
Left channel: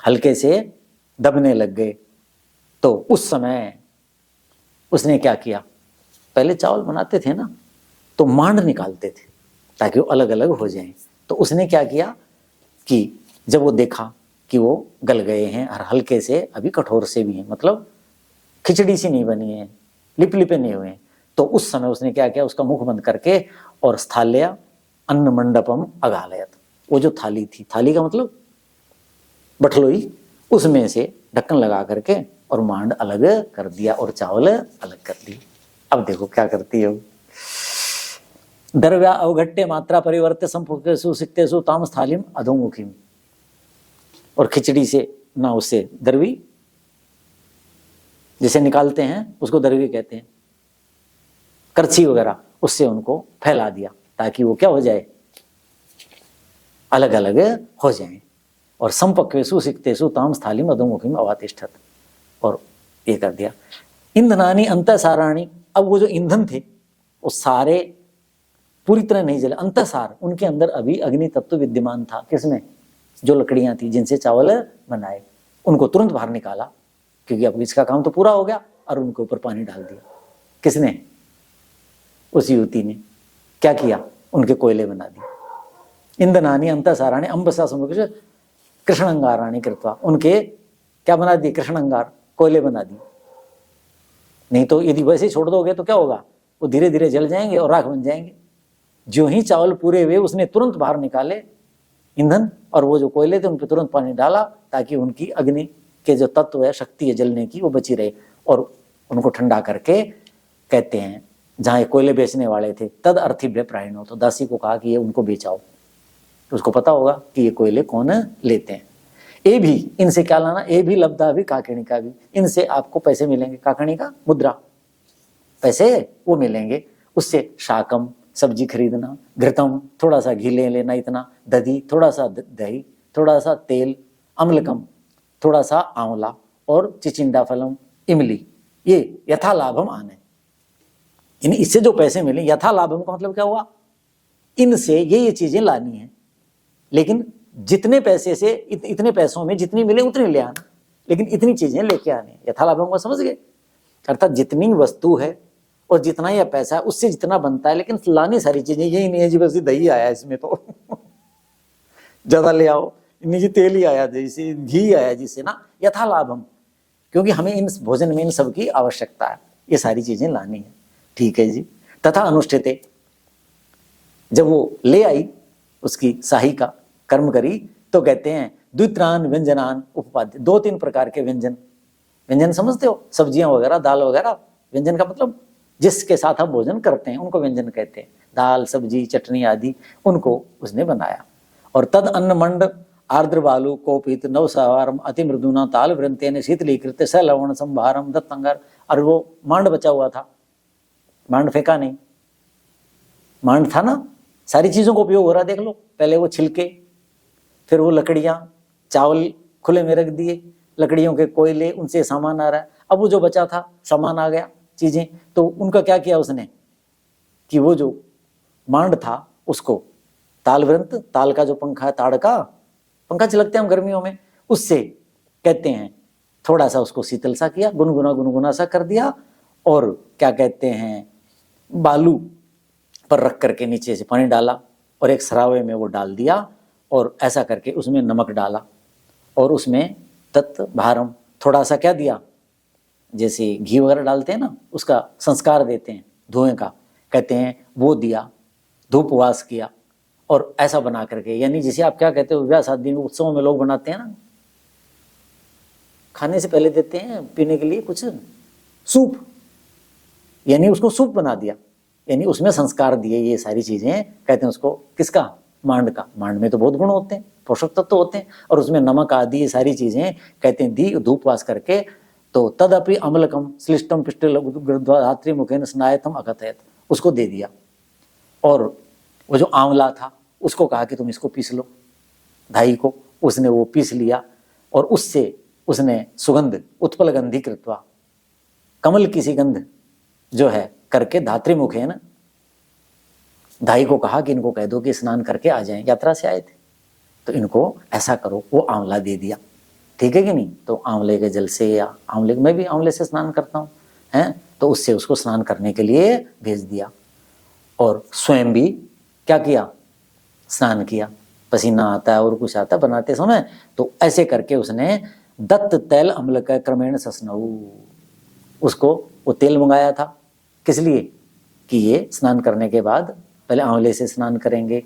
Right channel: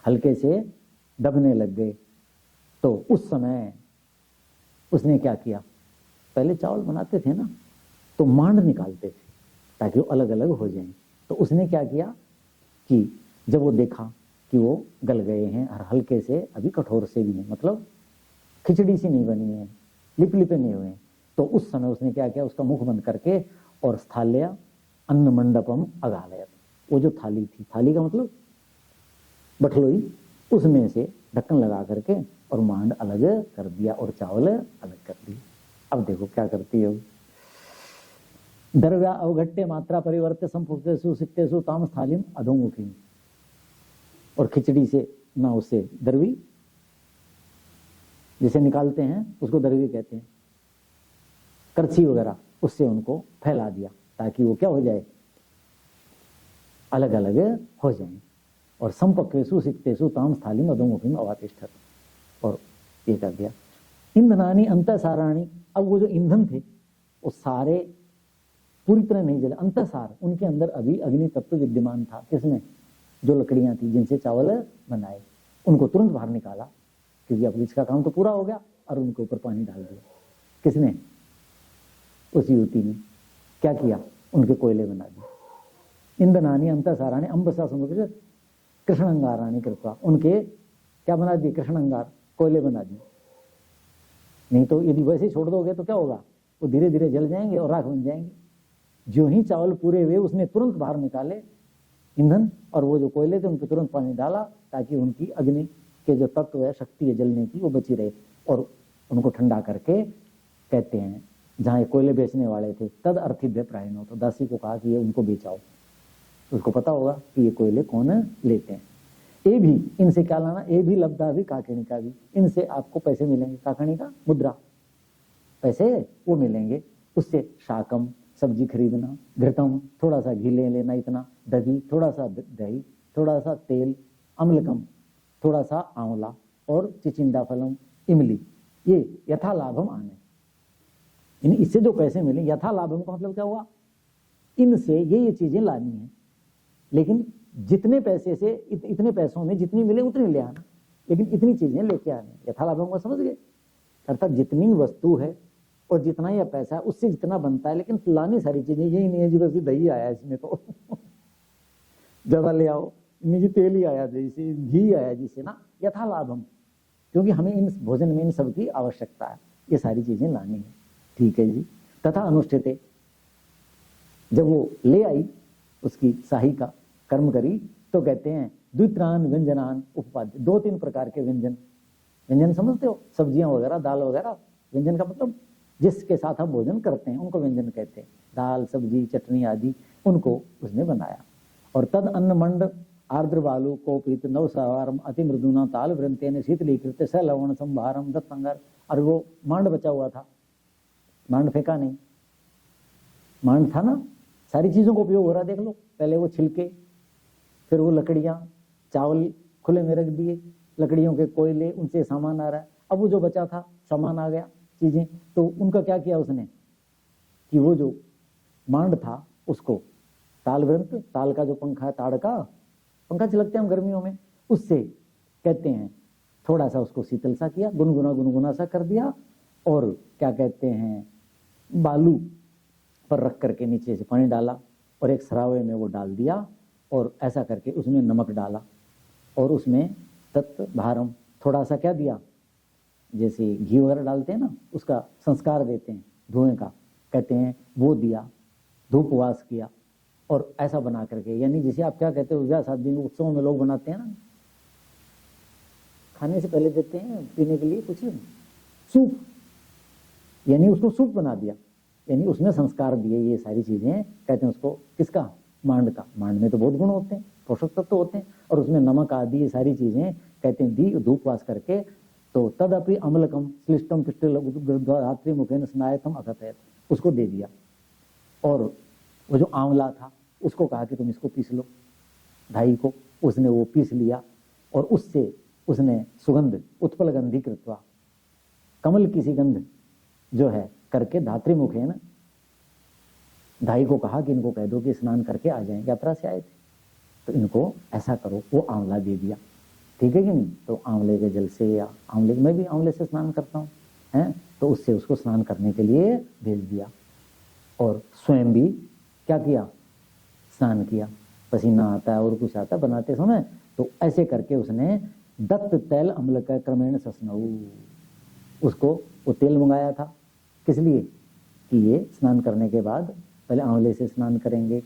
हल्के से दबने लग गए, तो उस समय उसने क्या किया, पहले चावल बनाते थे ना तो मांड निकालते थे ताकि वो अलग अलग हो जाएं। तो उसने क्या किया कि जब वो देखा कि वो गल गए हैं और हल्के से अभी कठोर से भी हैं, मतलब खिचड़ी सी नहीं बनी है, लिप लिपे नहीं हुए हैं, तो उस समय उसने क्या किया, उसका मुख बंद करके और स्थाल्या अन्न मंडपम अगालयत, वो जो थाली थी, थाली का मतलब बठलोई, उसमें से ढक्कन लगा करके और मांड अलग कर दिया और चावल अलग कर दिए। अब देखो क्या करती है वो, द्रव्या अवघट्य मात्रा परिवर्त्य संपुक्तेषु सिक्तेषु ताम स्थालिम अधोमुखीम, और खिचड़ी से ना उससे दरवी जिसे निकालते हैं उसको दरवी कहते हैं, करछी वगैरह उससे उनको फैला दिया ताकि वो क्या हो जाए, अलग अलग हो जाए। और संपक्वेषु सिक्तेषु ताम स्थालिम अधोमुखीम अवातिष्ठत, और ये कर दिया। ईंधनानि अंतःसाराणि, अब वो जो ईंधन थे वो सारे पूरी तरह नहीं जले, अंतःसार, उनके अंदर अभी अग्नि तत्व विद्यमान था। किसमें, जो लकड़ियां थी जिनसे चावल बनाए, उनको तुरंत बाहर निकाला क्योंकि अब इसका काम तो पूरा हो गया, और उनके ऊपर पानी डाल दिया। किसने, उस युवती ने क्या किया, उनके कोयले बना दिए। ईंधनानि अंतःसाराणि अंबसा समुद्र कृष्ण अंगाराणी कृत्वा, उनके क्या बना दिए, कृष्ण अंगार, कोयले बना दिए। नहीं तो यदि वैसे छोड़ दोगे तो क्या होगा, वो धीरे धीरे जल जाएंगे और राख बन जाएंगे। जो ही चावल पूरे हुए उसने तुरंत बाहर निकाले ईंधन, और वो जो कोयले थे उन पर तुरंत पानी डाला ताकि उनकी अग्नि के जो तत्व है, शक्ति है जलने की, वो बची रहे। और उनको ठंडा करके कहते हैं, जहाँ ये कोयले बेचने वाले थे, तद अर्थिभ्य प्रायणो, तो दासी को कहा कि ये उनको बेचाओ, तो उसको पता होगा कि ये कोयले कौन लेते हैं। ये भी इनसे क्या लाना, ये भी लब्धा भी काकणी का भी, इनसे आपको पैसे मिलेंगे, काकणी का मुद्रा, पैसे वो मिलेंगे। उससे शाकम, सब्जी खरीदना, घृतम, थोड़ा सा घी ले लेना, इतना, दधी, थोड़ा सा दही, थोड़ा सा तेल, अम्लकम, थोड़ा सा आंवला, और चिचिंडा फलम, इमली, ये यथा लाभम आने, इन इससे जो पैसे मिले, यथा लाभम का मतलब क्या हुआ, इनसे ये चीजें लानी है, लेकिन जितने पैसे से, इतने पैसों में जितनी मिले उतनी ले आना, लेकिन इतनी चीजें लेके आनी। यथा लाभम को समझ गए, अर्थात जितनी वस्तु है और जितना यह पैसा है उससे जितना बनता है, लेकिन लानी सारी चीजें, यही नहीं है जी बस दही आया इसमें तो ज्यादा ले आओ, नहीं जी तेल ही आया, जैसे घी आया जिससे ना, यथा लाभम, क्योंकि हमें इन भोजन में इन सब की आवश्यकता है, ये सारी चीजें लानी है। ठीक है जी। तथा अनुष्ठिते, जब वो ले आई उसकी शाही का कर्म करी, तो कहते हैं द्वित्रान व्यंजनान उपपाद्य, 2-3 प्रकार के व्यंजन, व्यंजन समझते हो, सब्जियां वगैरह, दाल वगैरह, व्यंजन का मतलब जिसके साथ हम भोजन करते हैं उनको व्यंजन कहते हैं, दाल सब्जी चटनी आदि, उनको उसने बनाया। और तद अन्न मंड आर्द्र बालू कोपित नव सवारम अति मृदुना ताल वृंतेन शीतलीकृत स लवण संभारम दत्तंगार, और वो मांड बचा हुआ था, मांड फेंका नहीं, मांड था ना, सारी चीजों का उपयोग हो रहा, देख लो, पहले वो छिलके, फिर वो लकड़ियां, चावल खुले में रख दिए, लकड़ियों के कोयले, उनसे सामान आ रहा है। अब वो जो बचा था सामान आ गया, चीजें, तो उनका क्या किया उसने कि वो जो मांड था उसको तालवृंत, ताल का जो पंखा है, ताड़ का पंखा चलते हैं हम गर्मियों में, उससे कहते हैं थोड़ा सा उसको शीतल सा किया, गुनगुना गुनगुना सा कर दिया, और क्या कहते हैं बालू, पर रख करके नीचे से पानी डाला और एक सरावे में वो डाल दिया और ऐसा करके उसमें नमक डाला और उसमें तत् भारम थोड़ा सा क्या दिया, जैसे घी वगैरह डालते हैं ना, उसका संस्कार देते हैं धुएं का, कहते हैं वो दिया, धूपवास किया और ऐसा बना करके, यानी जिसे आप क्या कहते हो विवाह शादी में उत्सवों में लोग बनाते हैं ना, खाने से पहले देते हैं पीने के लिए कुछ सूप, यानी उसको सूप बना दिया, यानी उसमें संस्कार दिए, ये सारी चीजें कहते हैं उसको, किसका, मांड का। मांड में तो बहुत गुण होते हैं, पोषक तत्व होते हैं, और उसमें नमक आदि ये सारी चीजें कहते हैं दी धूपवास करके। तो तदपि अम्लकम श्लिष्टम पिष्टिल धात्री मुखेन स्नायतम अकथयत, उसको दे दिया। और वो जो आंवला था उसको कहा कि तुम इसको पीस लो, धाई को, उसने वो पीस लिया और उससे उसने सुगंध उत्पल गंधी कृत्वा, कमल की सी गंध जो है करके, धात्री मुखेन, धाई को कहा कि इनको कह दो कि स्नान करके आ जाएं, यात्रा से आए थे तो इनको ऐसा करो, वो आंवला दे दिया, ठीक है कि नहीं। तो आंवले के जल से, या आंवले, मैं भी आंवले से स्नान करता हूँ हैं, तो उससे उसको स्नान करने के लिए भेज दिया और स्वयं भी क्या किया, स्नान किया। पसीना आता है और कुछ आता है बनाते समय, तो ऐसे करके उसने दत्त तैल अम्ल का क्रमेण सस्नऊ, उसको वो तेल मंगाया था, किस लिए कि ये स्नान करने के बाद पहले आंवले से स्नान करेंगे,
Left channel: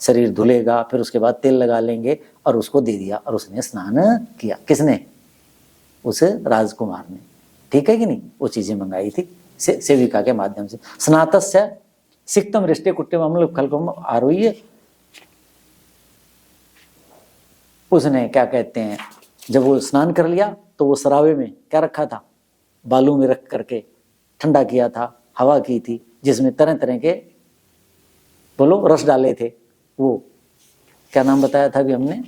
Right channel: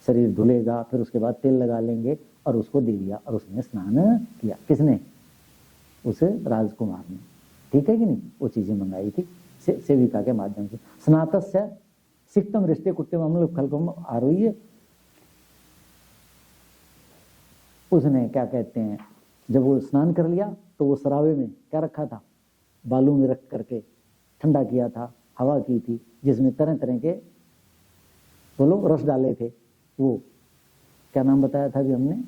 शरीर धुलेगा, फिर उसके बाद तेल लगा लेंगे, और उसको दे दिया और उसने स्नान किया। किसने, उस राजकुमार ने, ठीक है कि नहीं। वो चीजें मंगाई थी सेविका के माध्यम से। स्नातस्य सिक्तम रिष्टे कुट्टे अम्ल खलकम आरोह्य, उसने क्या कहते हैं, जब वो स्नान कर लिया तो वो सरावे में क्या रखा था, बालू में रख करके ठंडा किया था, हवा की थी, जिसमें तरह तरह के बोलो रस डाले थे। वो क्या नाम बताया था अभी हमने,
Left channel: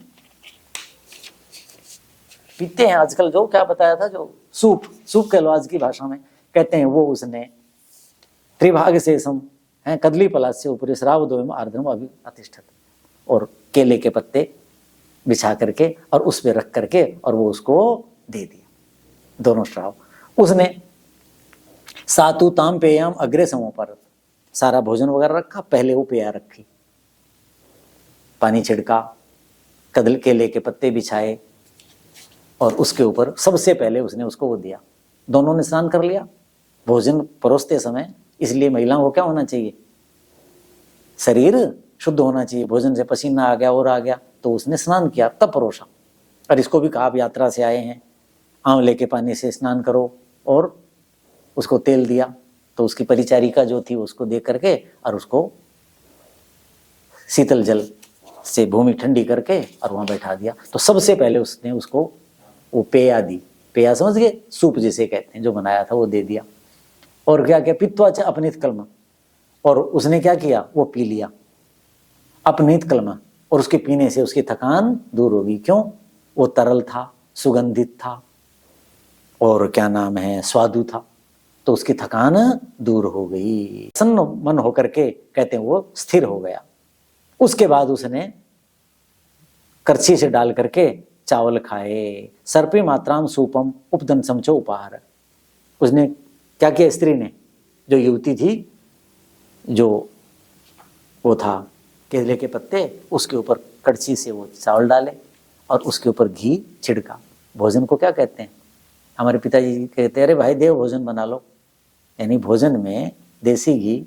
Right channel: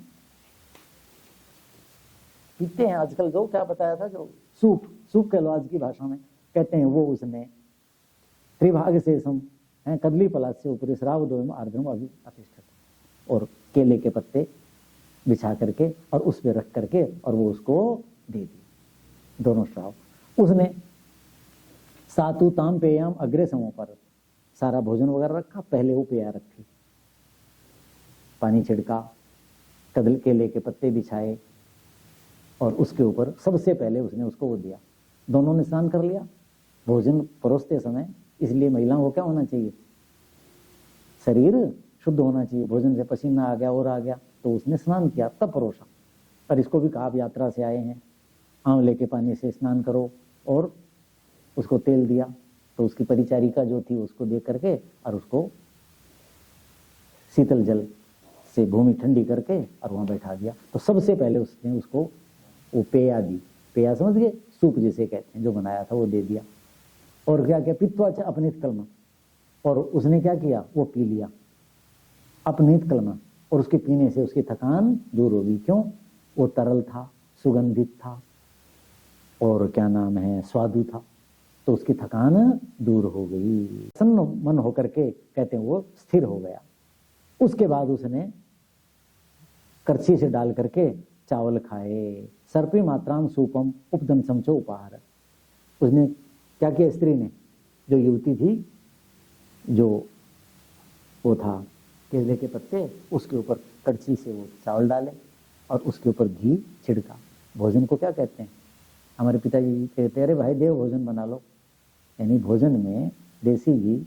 पीते हैं आजकल जो, क्या बताया था, जो सूप कह लो आज की भाषा में, कहते हैं वो उसने त्रिभाग से सम है कदली पलाश से ऊपर श्राव दो आर्द्रम अभी अतिष्ठित, और केले के पत्ते बिछा करके और उस पे रख करके और वो उसको दे दिया, दोनों श्राव। उसने सातु ताम पेयम अग्रे समोपर, सारा भोजन वगैरह रखा, पहले वो पेया रखी, पानी छिड़का, कदल केले के पत्ते बिछाए और उसके ऊपर सबसे पहले उसने उसको वो दिया। दोनों ने स्नान कर लिया भोजन परोसते समय, इसलिए महिलाओं को क्या होना चाहिए, शरीर शुद्ध होना चाहिए, भोजन से पसीना आ गया और आ गया, तो उसने स्नान किया तब परोसा। और इसको भी कहा आप यात्रा से आए हैं, आंवले के पानी से स्नान करो, और उसको तेल दिया, तो उसकी परिचारिका जो थी उसको दे करके और उसको शीतल जल से भूमि ठंडी करके और वहां बैठा दिया। तो सबसे पहले उसने उसको वो पेया दी, पेया समझ गए, सूप जिसे कहते हैं, जो बनाया था वो दे दिया। और क्या क्या पित्वाच अपनीत कलमा, और उसने क्या किया, वो पी लिया अपनीत कलमा, और उसके पीने से उसकी थकान दूर होगी। क्यों, वो तरल था, सुगंधित था, और क्या नाम है, स्वादु था, तो उसकी थकान दूर हो गई, प्रसन्न मन होकर के कहते हैं वो स्थिर हो गया। उसके बाद उसने करछी से डाल करके चावल खाए, सर्पी मात्राम सूपम उपदन समचो उपहार। उसने क्या किया, स्त्री ने, जो युवती थी, जो वो था केले के पत्ते, उसके ऊपर कड़छी से वो चावल डाले और उसके ऊपर घी छिड़का। भोजन को क्या कहते हैं, हमारे पिताजी कहते हैं, अरे भाई देव भोजन बना लो, यानी भोजन में देसी घी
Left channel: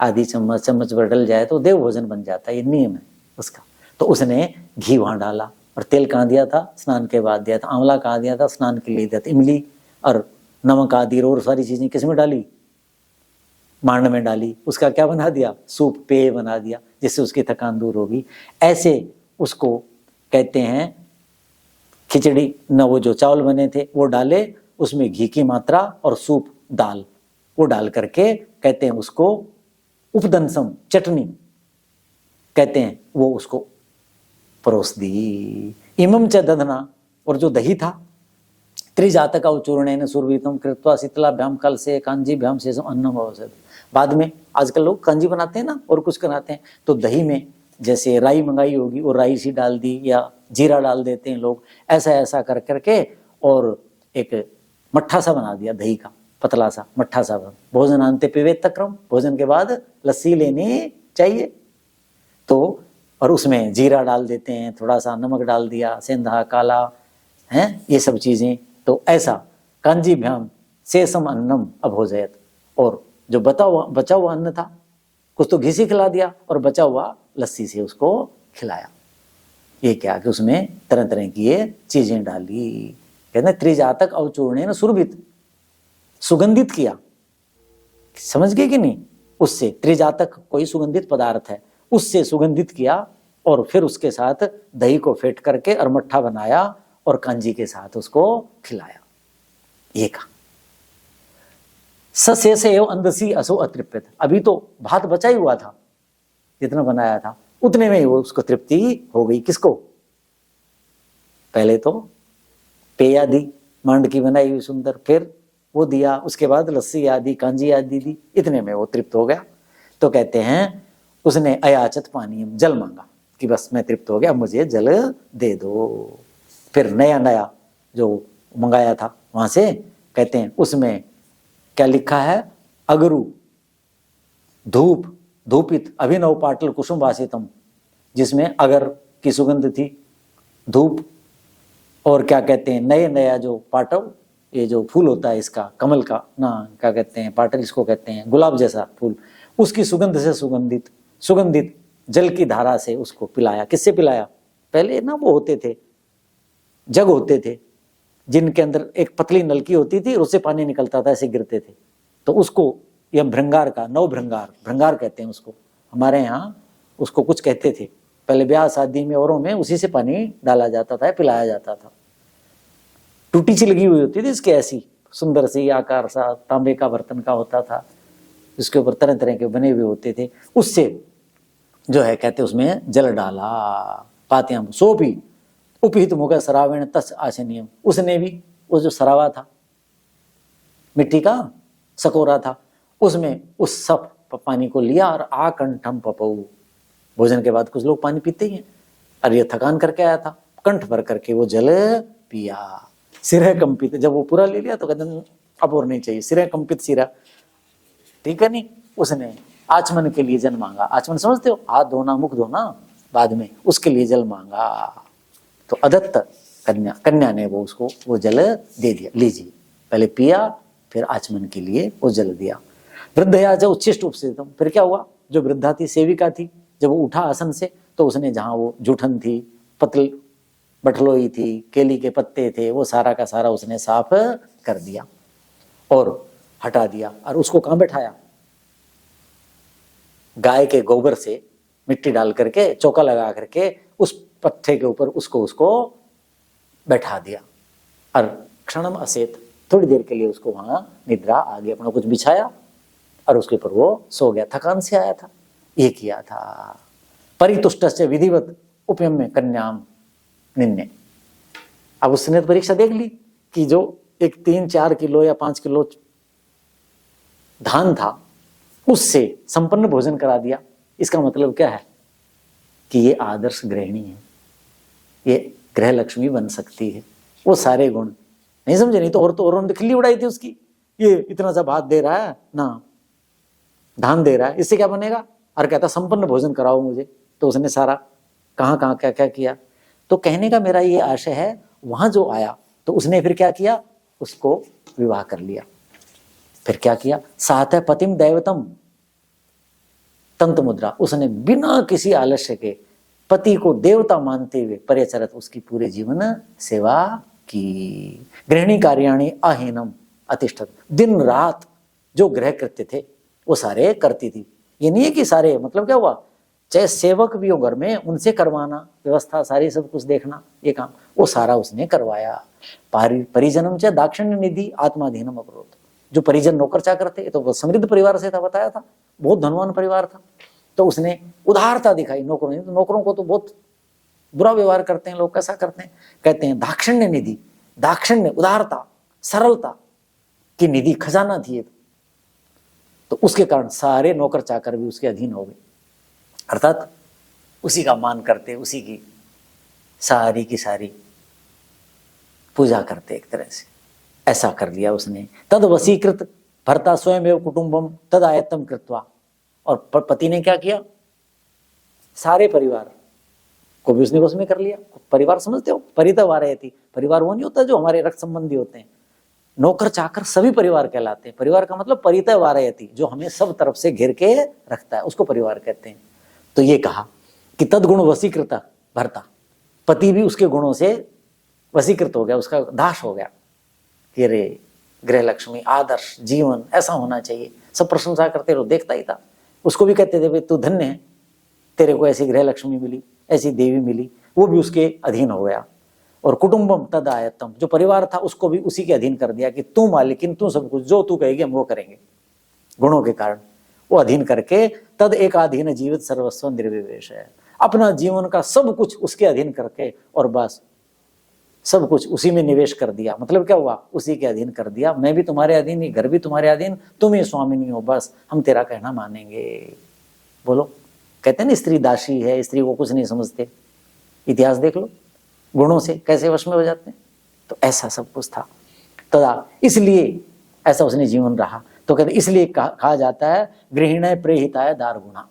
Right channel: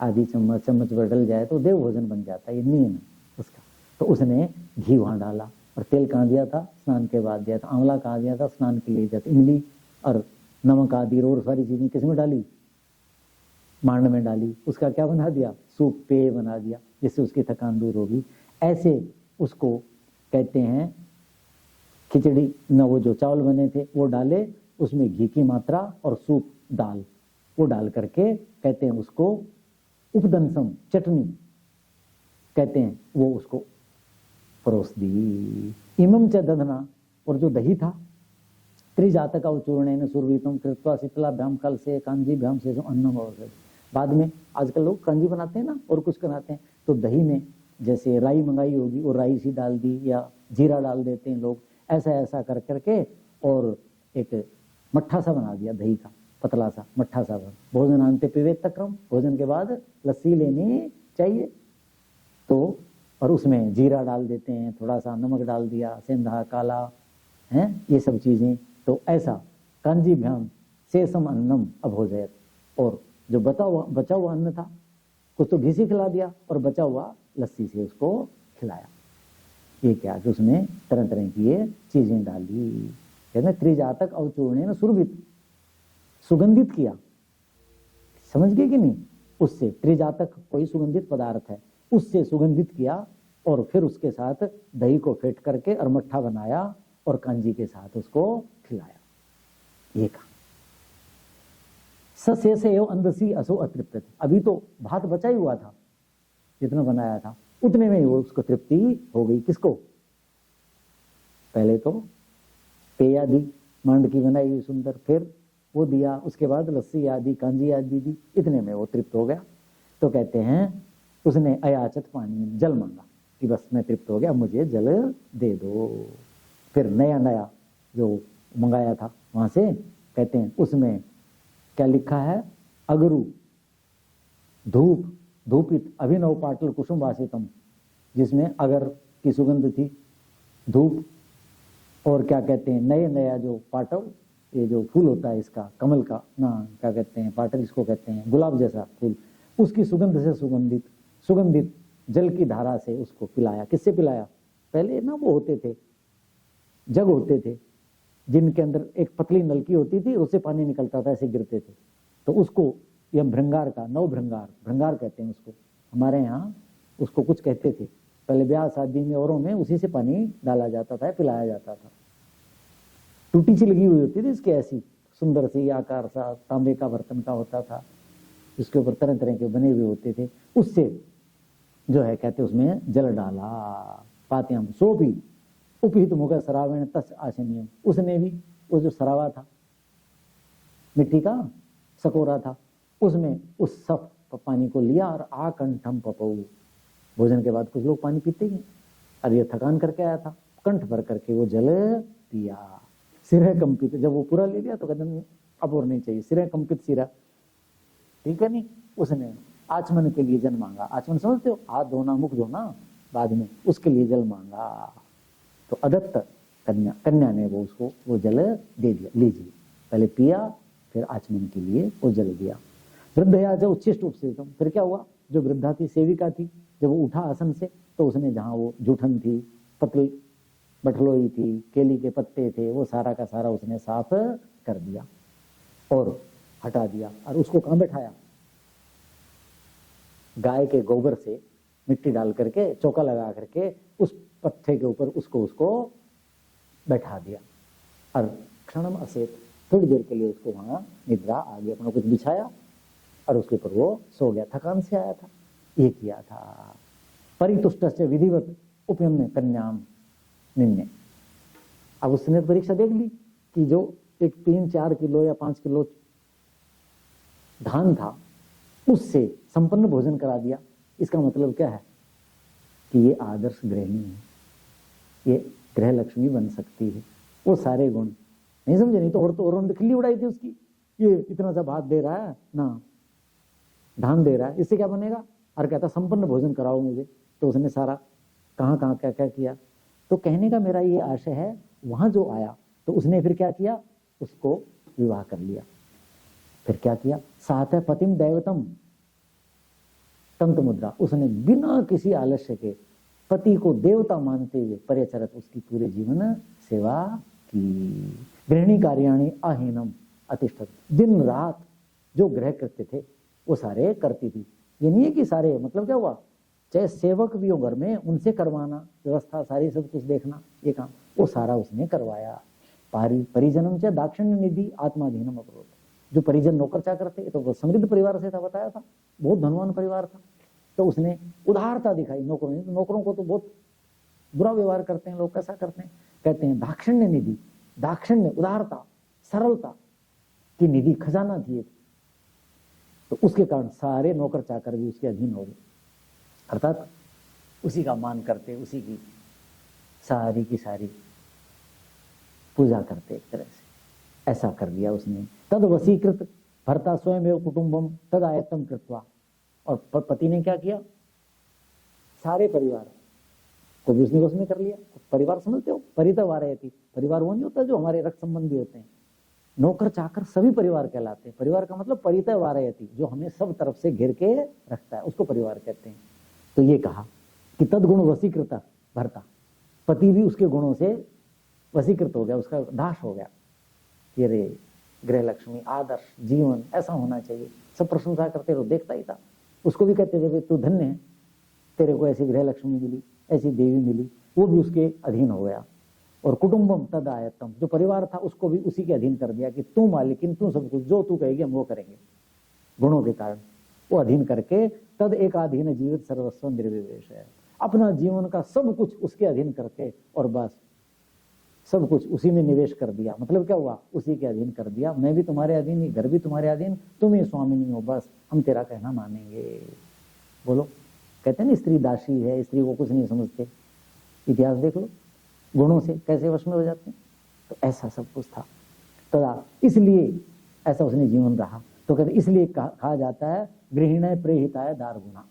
आधी चम्मच भर डल जाए तो देव भोजन बन जाता है, ये नियम है उसका। तो उसने घी वहां डाला, और तेल कहाँ दिया था, स्नान के बाद दिया था। आंवला कहाँ दिया था, स्नान के लिए दिया था। इमली और नमक आदि और सारी चीजें किस में डाली, मांड में डाली, उसका क्या बना दिया, सूप पेय बना दिया, जिससे उसकी थकान दूर होगी। ऐसे उसको कहते हैं खिचड़ी न, वो जो चावल बने थे वो डाले, उसमें घी की मात्रा और सूप दाल वो डाल करके कहते हैं उसको उपदंसम, चटनी कहते हैं, वो उसको परोस दी। इमम च दधना, और जो दही था, त्रिजातका उचूर्णेन सुरवीतम कृत्वा शीतलाभ्याम कल से कांजीभ्याम से अन्नम अवसद। बाद में आजकल लोग कांजी बनाते हैं ना, और कुछ बनाते हैं, तो दही में जैसे राई मंगाई होगी और राई सी डाल दी, या जीरा डाल देते हैं लोग, ऐसा ऐसा कर करके और एक मट्ठा सा बना दिया दही का, पतला सा मट्ठा सा, भोजन अंते पिबेत क्रम, भोजन के बाद लस्सी लेनी चाहिए। तो और उसमें जीरा डाल देते हैं, थोड़ा सा नमक डाल दिया, सेंधा काला है, ये सब चीजें। तो ऐसा कांजीभ्याम शेषम अन्नम अभोजयत, और जो बचा हुआ अन्न था, कुछ तो घी से खिला दिया और बचा हुआ लस्सी से उसको खिलाया। ये क्या कि उसमें तरह तरह की ये चीजें डाली। कहते हैं त्रिजातक अवचूर्णेन सुरभित, सुगंधित किया, समझ गए कि नहीं? उससे त्रिजातक कोई सुगंधित पदार्थ है, उससे सुगंधित किया और फिर उसके साथ दही को फेंट करके और मट्ठा बनाया और कांजी के साथ उसको खिलाया। ये कहा सशेष एवं अंधसी असो अतृप्यत, अभी तो भात बचा ही हुआ था, जितना बनाया था उतने में ही वो उसको तृप्ति हो गई। किसको? पहले तो पेय आदि मांड की बनाई हुई सुंदर, फिर वो दिया, उसके बाद लस्सी आदि कांजी आदि दी, इतने में वो तृप्त हो गया। तो कहते हैं उसने अयाचत पानीयम, जल मांगा कि बस मैं तृप्त हो गया, मुझे जल दे दो। फिर नया नया जो मंगाया था वहां से, कहते हैं उसमें क्या लिखा है, अगरु धूप धूपित अभिनव पाटल कुसुम वासितम, जिसमें अगर की सुगंध थी, धूप और क्या कहते हैं नए नया जो पाटव, ये जो फूल होता है इसका कमल का ना, क्या कहते हैं पाटल इसको कहते हैं, गुलाब जैसा फूल, उसकी सुगंध से सुगंधित सुगंधित जल की धारा से उसको पिलाया। किससे पिलाया? पहले ना वो होते थे जग होते थे जिनके अंदर एक पतली नलकी होती थी, उससे पानी निकलता था, ऐसे गिरते थे। तो उसको यह भृंगार का, नव भृंगार, भृंगार कहते हैं उसको, हमारे यहाँ उसको कुछ कहते थे। पहले ब्याह शादी में औरों में उसी से पानी डाला जाता था, पिलाया जाता था। टूटी सी लगी हुई होती थी इसके, ऐसी सुंदर सी आकार सा, तांबे का बर्तन का होता था, जिसके ऊपर तरह तरह के बने हुए होते थे। उससे जो है कहते उसमें जल डाला, पात्याम सोपी उपहित मुख सरावेण तस् आशनियम, उसने भी वो जो सरावा था मिट्टी का सकोरा था, उसमें उस सब पानी को लिया और आकंठम पपऊ, भोजन के बाद कुछ लोग पानी पीते ही हैं, और ये थकान करके आया था, कंठ भर करके वो जल पिया। सिर कंपित, जब वो पूरा ले लिया तो कहते अब और नहीं चाहिए, सिर कंपित सिरा, ठीक है नहीं। उसने आचमन के लिए जल मांगा, आचमन समझते हो, हाथ धोना मुख धोना बाद में, उसके लिए जल मांगा। तो अदत्त कन्या ने वो उसको वो जल दे दिया, लीजिए, पहले पिया फिर आचमन के लिए वो जल दिया। वृद्धया जब उच्छिष्ट उपस्थितम, फिर क्या हुआ, जो वृद्धा थी सेविका थी, जब वो उठा आसन से तो उसने जहां वो जूठन थी, पतल बठलोई थी, केली के पत्ते थे, वो सारा का सारा उसने साफ कर दिया और हटा दिया। और उसको कहां बैठाया? गाय के गोबर से मिट्टी डाल करके चौका लगा करके उस पत्थर के ऊपर उसको बैठा दिया। और क्षणम असेत, थोड़ी देर के लिए उसको वहां निद्रा आ गई, अपना कुछ बिछाया और उसके ऊपर वो सो गया, थकान से आया था, ये किया था। परितुष्ट से विधिवत उपयम्य कन्याम निन्ने, अब उसने तो परीक्षा देख ली कि जो एक 3-4 किलो या 5 किलो धान था उससे संपन्न भोजन करा दिया। इसका मतलब क्या है कि ये आदर्श गृहिणी है, ये गृह लक्ष्मी बन सकती है, वो सारे गुण नहीं समझे, नहीं तो औरों ने खिल्ली उड़ाई थी उसकी, ये इतना सा भात दे रहा है ना, धान दे रहा है, इससे क्या बनेगा, और कहता संपन्न भोजन कराओ मुझे। तो उसने सारा कहाँ कहाँ क्या क्या किया। तो कहने का मेरा ये आशय है, वहां जो आया तो उसने फिर क्या किया, उसको विवाह कर लिया। फिर क्या किया, साथ पतिम दैवतम तंत्र मुद्रा, उसने बिना किसी आलस्य के पति को देवता मानते हुए परिचरत उसकी पूरे जीवन सेवा की। गृहिणी कार्याणि अहीनम अतिष्ठत, दिन रात जो गृह कृत्य थे वो सारे करती थी। ये नहीं है कि सारे, मतलब क्या हुआ, चाहे सेवक भी हो घर में उनसे करवाना, व्यवस्था सारी सब कुछ देखना, ये काम वो सारा उसने करवाया। परिजनम चाहे दाक्षिण्य निधि आत्माधीनम अवरोध, जो परिजन नौकर चाकर थे, तो समृद्ध परिवार से था, बताया था, बहुत धनवान परिवार था, तो उसने उदारता दिखाई नौकरों ने। तो नौकरों को तो बहुत बुरा व्यवहार करते हैं लोग, कैसा करते हैं, कहते हैं दाक्षिण्य निधि, दाक्षिण्य उदारता सरलता की निधि, खजाना थी। तो उसके कारण सारे नौकर चाकर भी उसके अधीन हो गए, अर्थात उसी का मान करते, उसी की सारी पूजा करते एक तरह से। ऐसा कर लिया उसने। तद वशीकृत भर्ता स्वयं एवं कुटुंबम तद आयत्तम कृत्वा, और पति ने क्या किया, सारे परिवार को भी उसने वश में कर लिया। परिवार समझते हो, परिता वारयति, परिवार वो नहीं होता जो हमारे रक्त संबंधी होते हैं, नौकर चाकर सभी परिवार कहलाते हैं। परिवार का मतलब परिता वारयति, जो हमें सब तरफ से घेर के रखता है, उसको परिवार कहते हैं। तो ये कहा कि तदगुण वशीकृता भर्ता, पति भी उसके गुणों से वशीकृत हो गया, उसका दास हो गया कि रे गृह लक्ष्मी आदर्श जीवन ऐसा होना चाहिए। सब प्रशंसा करते रहो, देखता ही था। उसको भी कहते थे भाई तू धन्य है, तेरे को ऐसी गृह लक्ष्मी मिली, ऐसी देवी मिली। वो भी उसके अधीन हो गया। और कुटुंबम तद आयत्तम, जो परिवार था उसको भी उसी के अधीन कर दिया कि तू मालिकिन, तू सब कुछ, जो तू कहेगी हम वो करेंगे। गुणों के कारण वो अधीन करके तद एक अधीन जीवित सर्वस्व निर्विवेश है, अपना जीवन का सब कुछ उसके अधीन करके और बस सब कुछ उसी में निवेश कर दिया। मतलब क्या हुआ, उसी के अधीन कर दिया। मैं भी तुम्हारे अधीन ही, घर भी तुम्हारे अधीन, तुम ही स्वामिनी हो, बस हम तेरा कहना मानेंगे। बोलो, कहते हैं ना स्त्री दासी है, स्त्री को कुछ नहीं समझते। इतिहास देख लो, गुणों से कैसे वश में हो जाते हैं। तो ऐसा सब कुछ था तदा, इसलिए ऐसा उसने जीवन रहा। तो कहते इसलिए कहा जाता है गृहिणी प्रेहिताय दार गुणा।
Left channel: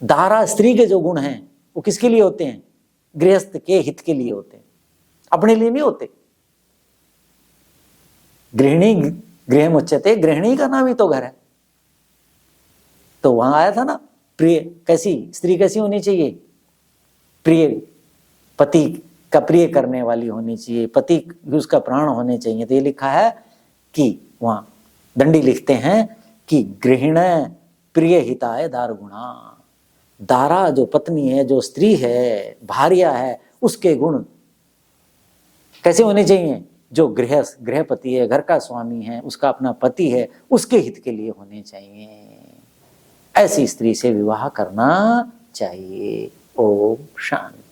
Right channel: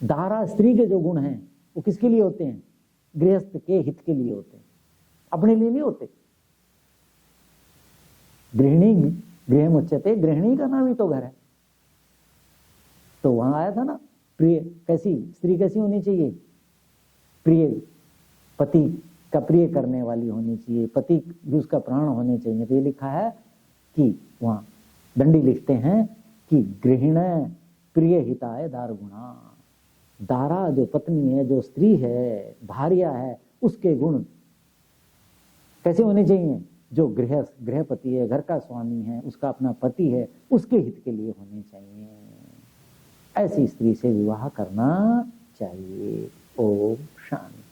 दारा स्त्री के जो गुण हैं वो किसके लिए होते हैं, गृहस्थ के हित के लिए होते हैं, अपने लिए नहीं होते। गृहिणी गृह मुच्यते, गृहिणी का नाम ही तो घर है। तो वहां आया था ना, प्रिय, कैसी स्त्री कैसी होनी चाहिए, प्रिय, पति का प्रिय करने वाली होनी चाहिए, पति उसका प्राण होने चाहिए। तो ये लिखा है कि वहां दंडी लिखते हैं कि गृहिण प्रिय हिताय दार गुणा। दारा जो पत्नी है, जो स्त्री है, भार्या है, उसके गुण कैसे होने चाहिए, जो गृहपति है, घर का स्वामी है, उसका अपना पति है, उसके हित के लिए होने चाहिए। ऐसी स्त्री से विवाह करना चाहिए। ओम शांति।